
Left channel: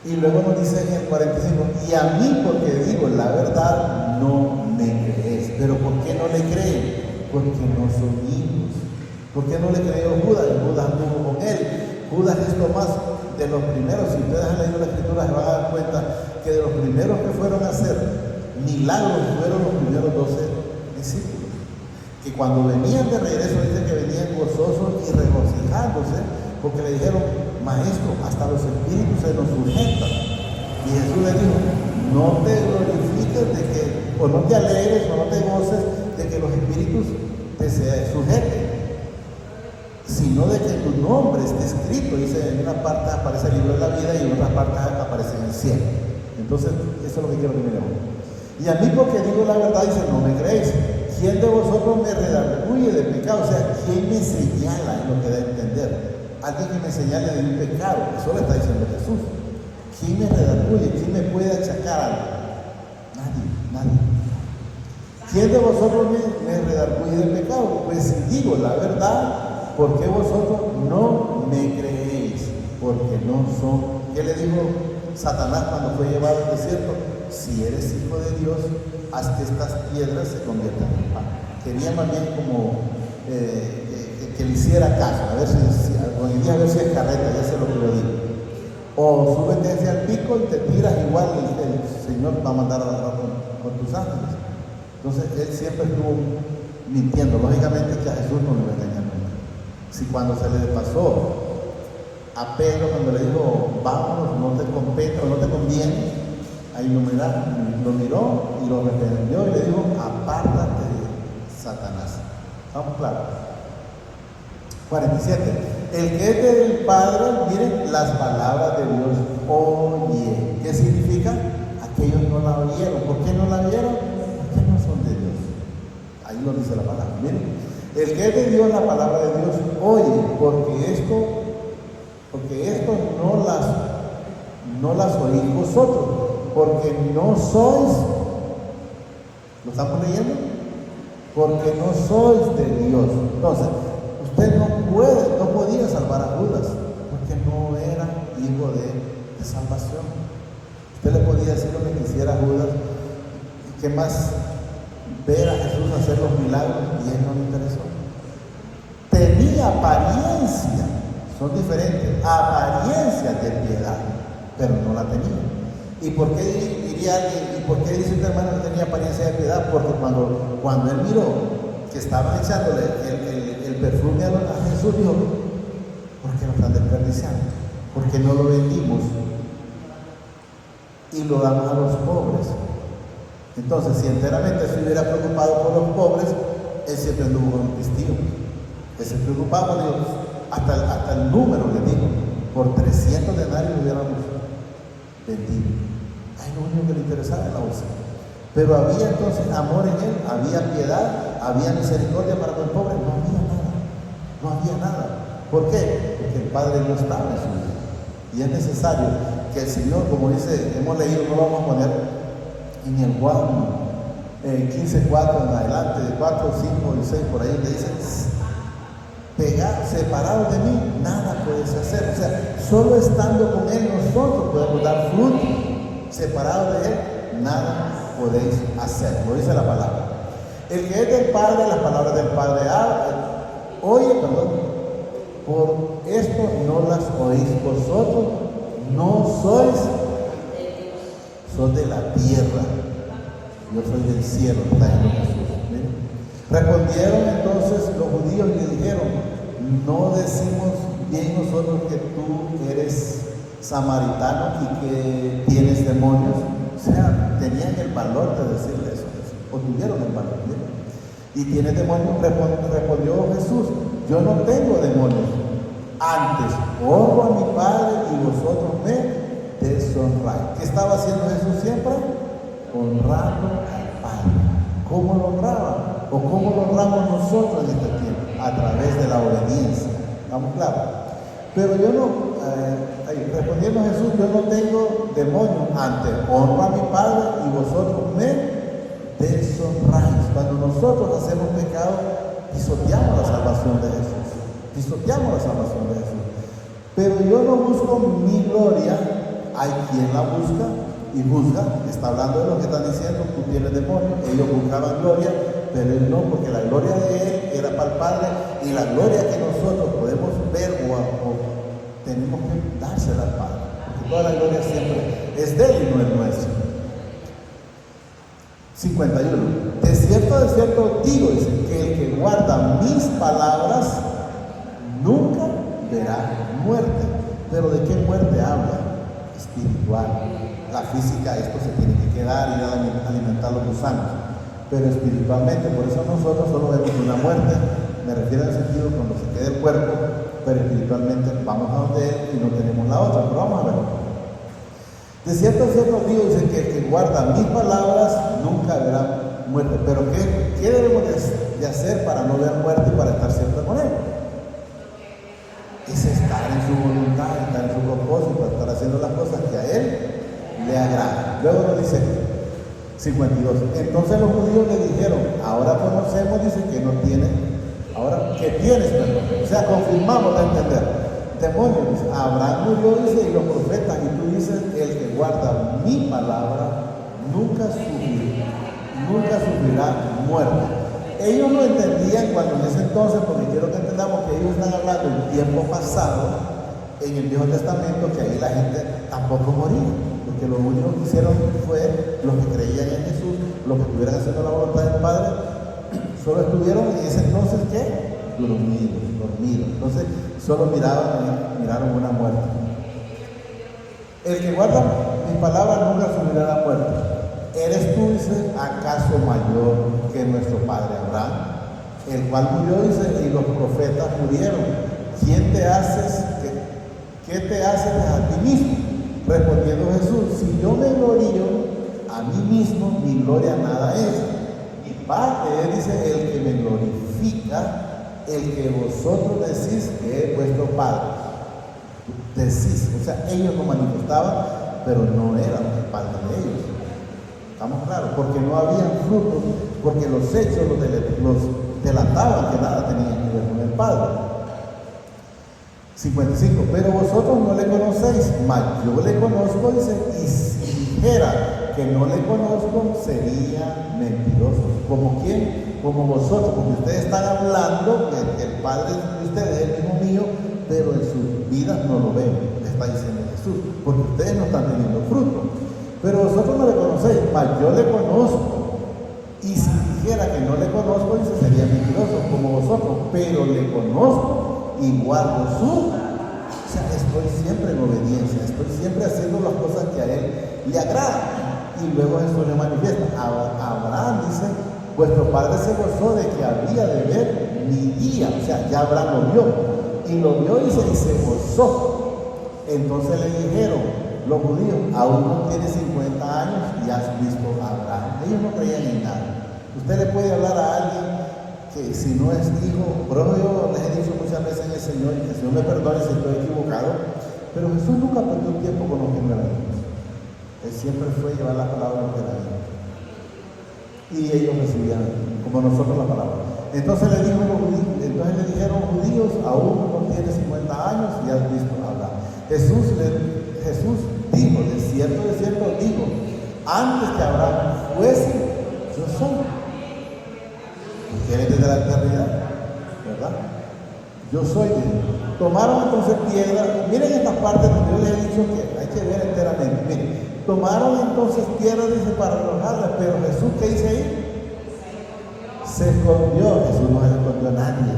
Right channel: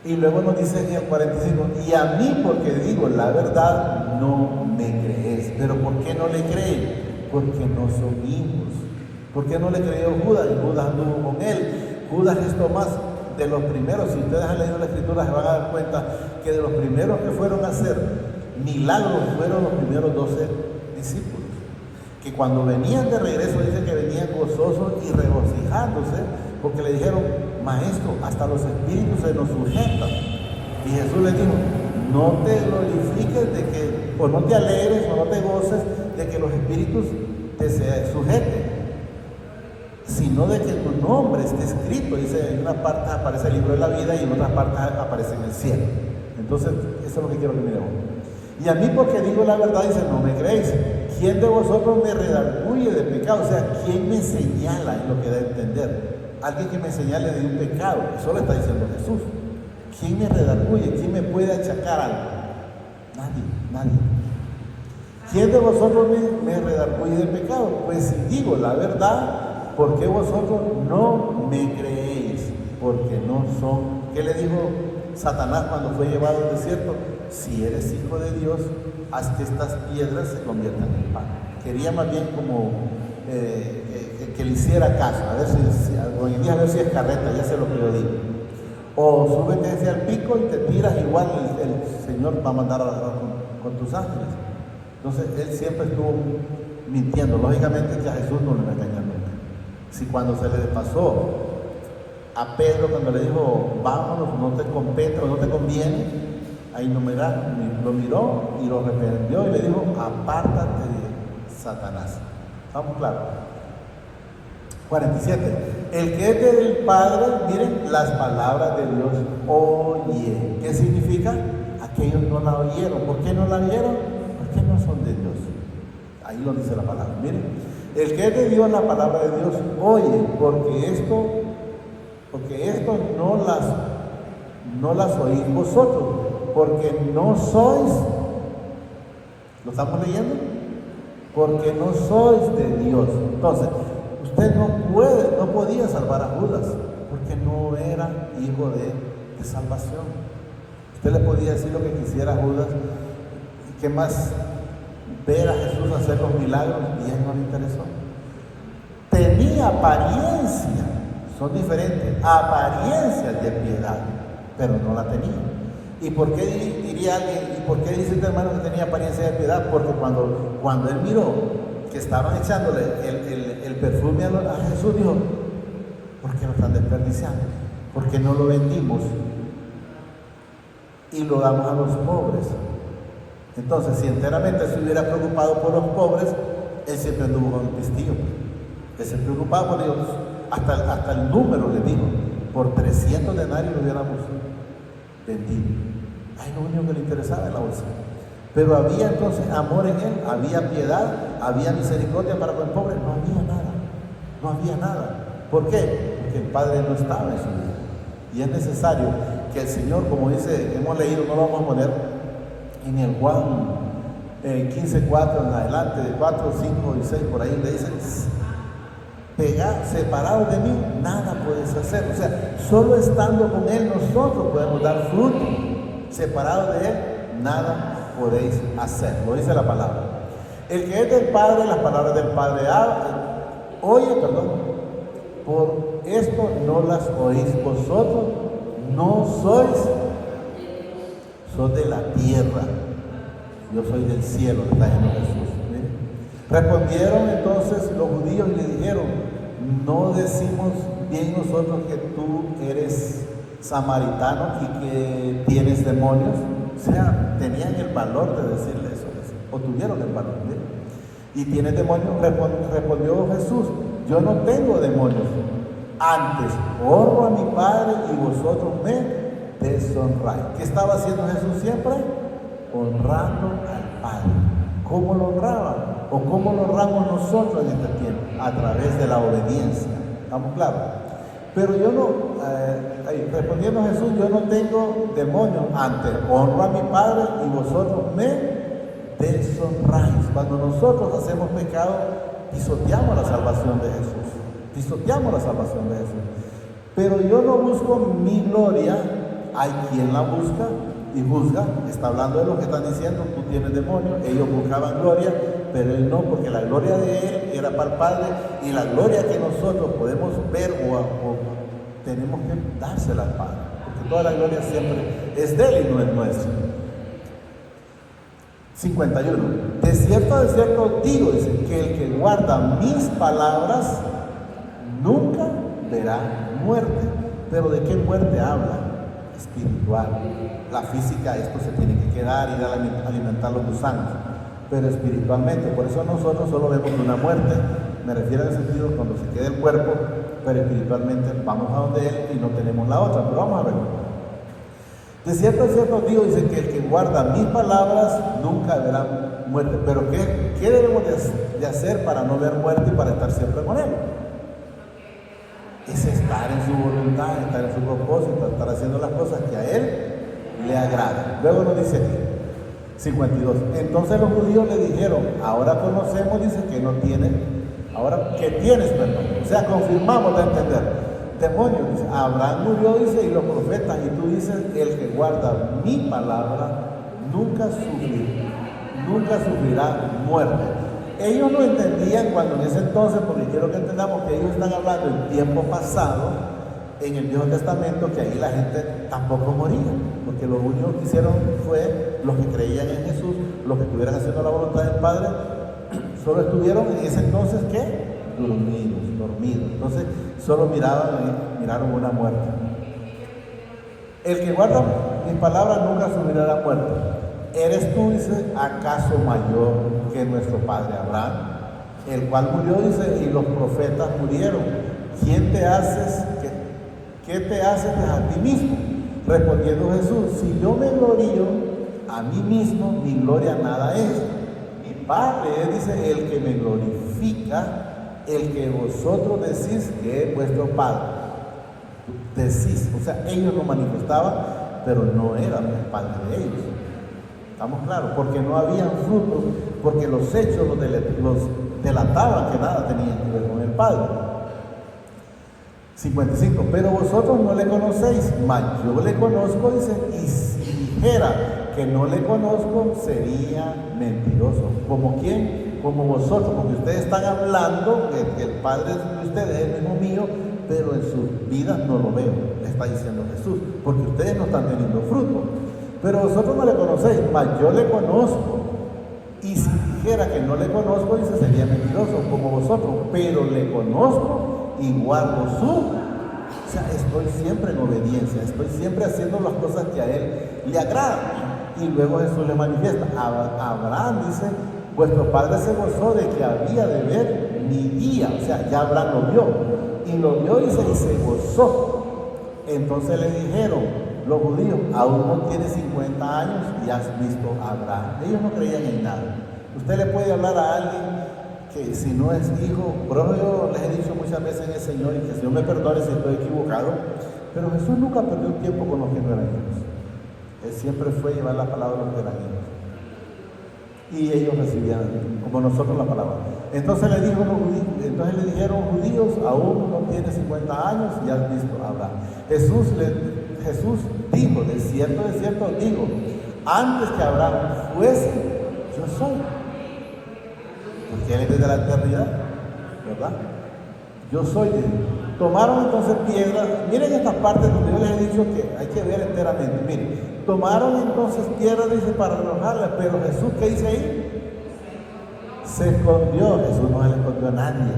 Y luego nos dice en el 45, y a mí, porque digo la verdad, no me crees. Pero ¿por qué no le creen? Porque no son niños. ¿Por qué no le creyó Judas? Y Judas anduvo con él. Judas es Tomás, de los primeros. Si ustedes han leído la escritura, se van a dar cuenta que de los primeros que fueron a hacer milagros fueron los primeros 12 discípulos. Que cuando venían de regreso, dice que venían gozosos y regocijándose, porque le dijeron, maestro, hasta los espíritus se nos sujetan. Y Jesús le dijo, no te glorifiques de que, o no te alegres, o no te goces de que los espíritus te se sujeten, sino de que tu nombre esté escrito. Dice, en una parte aparece el libro de la vida y en otra parte aparece en el cielo. Entonces, eso es lo que quiero que miremos. Y a mí, porque digo la verdad, dice, no me creéis. ¿Quién de vosotros me redarguye de pecado? O sea, ¿quién me señala? Es lo que da a entender. Alguien que me señale de un pecado. Eso le está diciendo Jesús. ¿Quién me redarguye? ¿Quién me puede achacar algo? Nadie. ¿Quién de vosotros me redarguye de pecado? Pues si digo la verdad, ¿por qué vosotros no me creéis? Porque no son. ¿Qué le dijo Satanás cuando fue llevado al desierto? Si eres hijo de Dios, haz que estas piedras se conviertan en pan. Quería más bien como que le hiciera caso, a ver si es carreta, ya sé lo que lo digo. O súbete hacia el pico y te tiras, igual el Señor va a mandar a agarrar con tus ángeles. Entonces él siempre estuvo mintiendo. Lógicamente que a Jesús no le engañan. Si cuando se le pasó a Pedro, cuando le dijo, vámonos, no te conviene, ahí lo miró y lo reprendió y le dijo, apártate, Satanás. Vamos claro. 47. El que es del Padre, miren las palabras de Dios, oye. ¿Qué significa? Aquellos no la oyeron. ¿Por qué no la vieron? Porque no son de Dios. Ahí lo dice la palabra. Miren, el que es de Dios, la palabra de Dios, oye, porque esto no las oís vosotros, porque no sois, ¿lo estamos leyendo? Porque no sois de Dios. Entonces, usted no podía salvar a Judas, porque no era hijo de salvación. Usted le podía decir lo que quisiera a Judas, y que más ver a Jesús hacer los milagros, y él no le interesó. Tenía apariencia, son diferentes, apariencia de piedad, pero no la tenía. ¿Y por qué diría alguien, y por qué dice usted, hermano, que tenía apariencia de piedad? Porque cuando él miró que estaban echándole el perfume a Jesús, dijo, ¿por qué lo están desperdiciando? ¿Por qué no lo vendimos y lo damos a los pobres? Entonces, si enteramente se hubiera preocupado por los pobres, él siempre anduvo con el testigos. Él se preocupaba por ellos, hasta el número le dijo, por 300 denarios lo hubiéramos vendido. Ay, lo único que le interesaba era la bolsa. Pero había entonces amor en él, había piedad, había misericordia para los pobres, no había nada. ¿Por qué? Porque el Padre no estaba en su vida. Y es necesario que el Señor, como dice, hemos leído, no lo vamos a poner en el Juan 15:4 en adelante, de 4, 5 y 6 por ahí, le dicen, separado de mí, nada puedes hacer. O sea, solo estando con Él nosotros podemos dar fruto. Separado de Él, nada podéis hacer. Lo dice la palabra. El que es del Padre, las palabras del Padre por esto no las oís vosotros, no sois de la tierra, yo soy del cielo, está en Jesús. ¿Sí? Respondieron entonces los judíos y le dijeron, no decimos bien nosotros que tú eres samaritano y que tienes demonios. O sea, tenían el valor de decirle eso, o tuvieron el valor. ¿Sí? Y tienes demonios, respondió Jesús, yo no tengo demonios, antes honro a mi Padre y vosotros me deshonráis. ¿Qué estaba haciendo Jesús siempre? Honrando al Padre. ¿Cómo lo honraba? ¿O cómo lo honramos nosotros en este tiempo? A través de la obediencia. ¿Estamos claros? Pero yo no, respondiendo a Jesús, yo no tengo demonios, antes honro a mi Padre y vosotros me deshonráis. Cuando nosotros hacemos pecado, pisoteamos la salvación de Jesús. Pisoteamos la salvación de Jesús. Pero yo no busco mi gloria, hay quien la busca y juzga. Está hablando de lo que están diciendo, tú tienes demonio. Ellos buscaban gloria, pero él no, porque la gloria de él era para el Padre, y la gloria que nosotros podemos ver o tenemos que dársela al Padre, porque toda la gloria siempre es de él y no es nuestra. 51. De cierto digo, dice, que el que guarda mis palabras nunca verá muerte. Pero ¿de qué muerte habla? Espiritual. La física, esto se tiene que quedar y alimentar los gusanos. Pero espiritualmente, por eso nosotros solo vemos una muerte. Me refiero al sentido cuando se quede el cuerpo, pero espiritualmente vamos a donde él y no tenemos la otra. Pero vamos a ver. De cierto digo, dice que el que guarda mis palabras nunca verá muerte. Pero ¿qué debemos de hacer para no ver muerte y para estar siempre con él? Es estar en su voluntad, estar en su propósito, estar haciendo las cosas que a él le agradan. Luego nos dice 52. Entonces los judíos le dijeron, ahora conocemos, dice que no tienen, ahora que tienes, o sea, confirmamos a entender. Demonios, dice, Abraham murió, dice, y los profetas, y tú dices, el que guarda mi palabra nunca sufrirá muerte. Ellos no entendían cuando en ese entonces, porque quiero que entendamos que ellos están hablando del tiempo pasado, en el Viejo Testamento, que ahí la gente tampoco moría, porque lo único que hicieron fue los que creían en Jesús, los que estuvieran haciendo la voluntad del Padre, solo estuvieron en ese entonces, ¿qué? Dormidos. Entonces, solo miraron una muerte. El que guarda mis palabras nunca sufrirá la muerte. ¿Eres tú, dice, acaso mayor que nuestro padre Abraham? El cual murió, dice, y los profetas murieron. ¿Qué te haces a ti mismo? Respondiendo Jesús, si yo me glorío a mí mismo, mi gloria nada es. Mi Padre, dice, el que me glorifica, el que vosotros decís que es vuestro Padre. Decís, o sea, ellos lo manifestaban, pero no eran el Padre de ellos. ¿Estamos claros? Porque no había frutos, porque los hechos los delataban que nada tenían que ver con el Padre. 55. Pero vosotros no le conocéis, mas yo le conozco, dice, y si dijera que no le conozco, sería mentiroso. ¿Como quién? Como vosotros, porque ustedes están hablando que el Padre de ustedes es el mismo mío, pero en sus vidas no lo ven, está diciendo Jesús, porque ustedes no están teniendo fruto. Pero vosotros no le conocéis, mas yo le conozco. Y si dijera que no le conozco, dice, sería mentiroso como vosotros, pero le conozco y guardo su. O sea, estoy siempre en obediencia, estoy siempre haciendo las cosas que a él le agradan. Y luego Jesús le manifiesta. Abraham dice, vuestro padre se gozó de que había de ver mi día. O sea, ya Abraham lo vio. Y lo vio, dice, y se gozó. Entonces le dijeron los judíos, aún no tienes 50 años y has visto a Abraham. Ellos no creían en nada. Usted le puede hablar a alguien que si no es hijo, pero yo les he dicho muchas veces en el Señor, que el Señor me perdone si estoy equivocado, pero Jesús nunca perdió tiempo con los que no eran hijos. Él siempre fue llevar la palabra de la vida. y ellos recibían, como nosotros, la palabra. Entonces le dijeron judíos, aún no tiene 50 años y has visto hablar. Jesús dijo, de cierto digo, antes que Abraham fuese, yo soy. Porque él es desde la eternidad, ¿verdad? Yo soy Dios. Tomaron entonces piedras, miren estas partes donde yo les he dicho que hay que ver enteramente. Miren, tomaron entonces piedras, dice, para arrojarlas, pero Jesús, ¿qué dice ahí? Se escondió. Jesús no se escondió a nadie.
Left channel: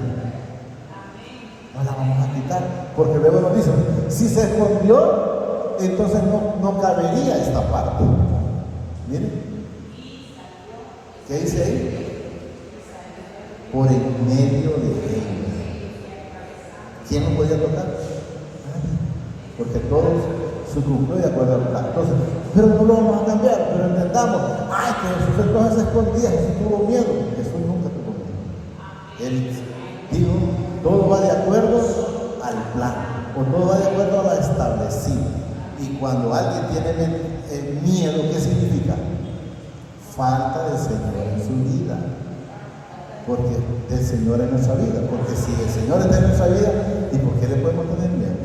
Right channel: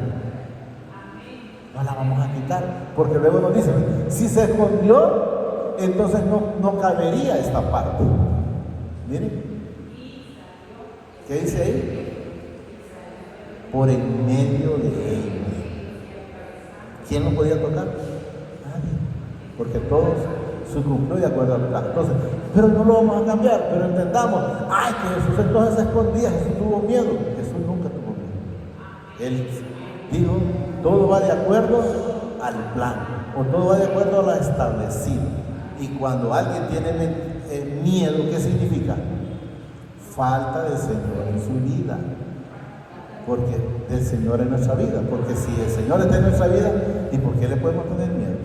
No la vamos a quitar, porque luego nos dicen, si se escondió, entonces no cabería esta parte. Miren, ¿qué dice ahí? Por el medio de él. ¿Quién lo podía tocar? Nadie. Porque todos sucumbió de acuerdo al plan. Entonces, pero no lo vamos a cambiar, pero entendamos, que Jesús entonces se escondía, Jesús tuvo miedo. Jesús nunca tuvo miedo. Él dijo, todo va de acuerdo al plan, o todo va de acuerdo a lo establecido. Y cuando alguien tiene miedo, ¿qué significa? Falta de Señor en su vida. Porque el Señor es nuestra vida. Porque si el Señor está en nuestra vida, ¿y por qué le podemos tener miedo?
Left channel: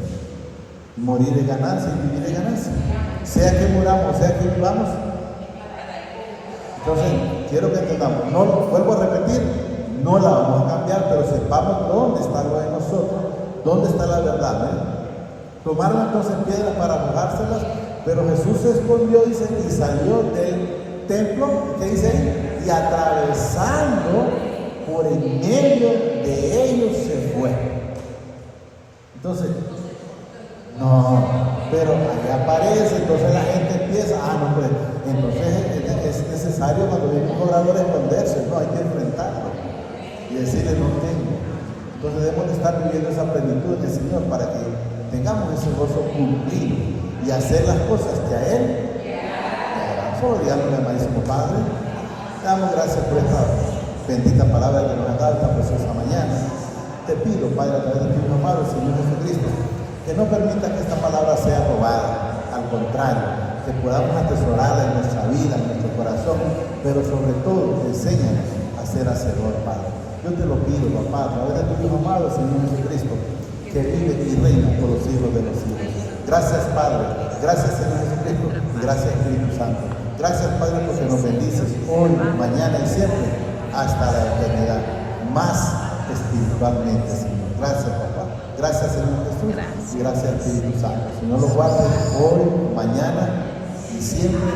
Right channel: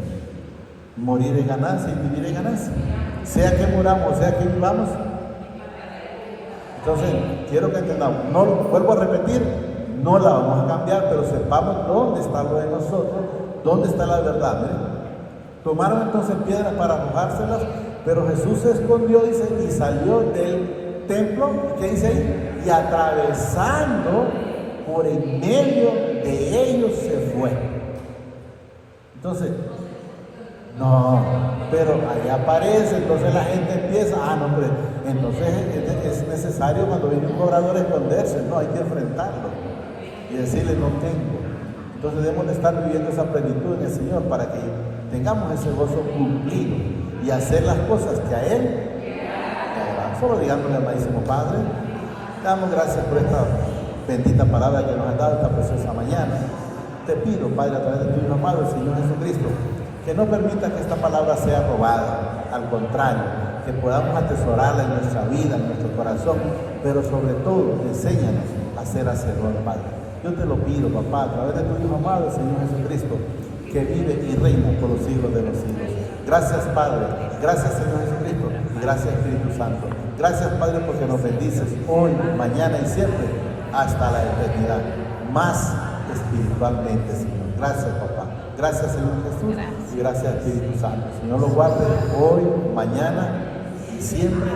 Morir es ganancia y vivir es ganancia. Sea que muramos, sea que vivamos. Entonces, quiero que entendamos. No, vuelvo a repetir, no la vamos a cambiar, pero sepamos dónde está lo de nosotros, dónde está la verdad. Tomaron entonces piedras para arrojárselas, pero Jesús se escondió, dice, y salió del templo, ¿qué dice ahí? Y atravesando por el medio de ellos se fue. Entonces, no, pero ahí aparece, entonces la gente empieza, no, pero entonces es necesario cuando viene un borrador esconderse, no, hay que enfrentarlo y decirle no tengo. Entonces debemos de estar viviendo esa plenitud en el Señor para que tengamos ese gozo cumplido y hacer las cosas que a Él solo digamos, amadísimo Padre, damos gracias por esta bendita palabra que nos ha dado esta preciosa mañana. Te pido, Padre, a través de tu amado Señor Jesucristo, que no permita que esta palabra sea robada, al contrario, que podamos atesorarla en nuestra vida, en nuestro corazón, pero sobre todo, enséñanos a ser hacedor, Padre. Yo te lo pido, papá, a través de tu amado Señor Jesucristo, que vive y reina por los siglos de los siglos. Gracias, Padre, gracias, Señor Jesucristo, y gracias, Espíritu Santo. Gracias, Padre, porque nos bendices hoy, mañana y siempre, hasta la eternidad, más espiritualmente, Señor. Gracias, papá. Gracias, Señor Jesús, y gracias, Espíritu Santo. Señor, lo guarde hoy, mañana y siempre.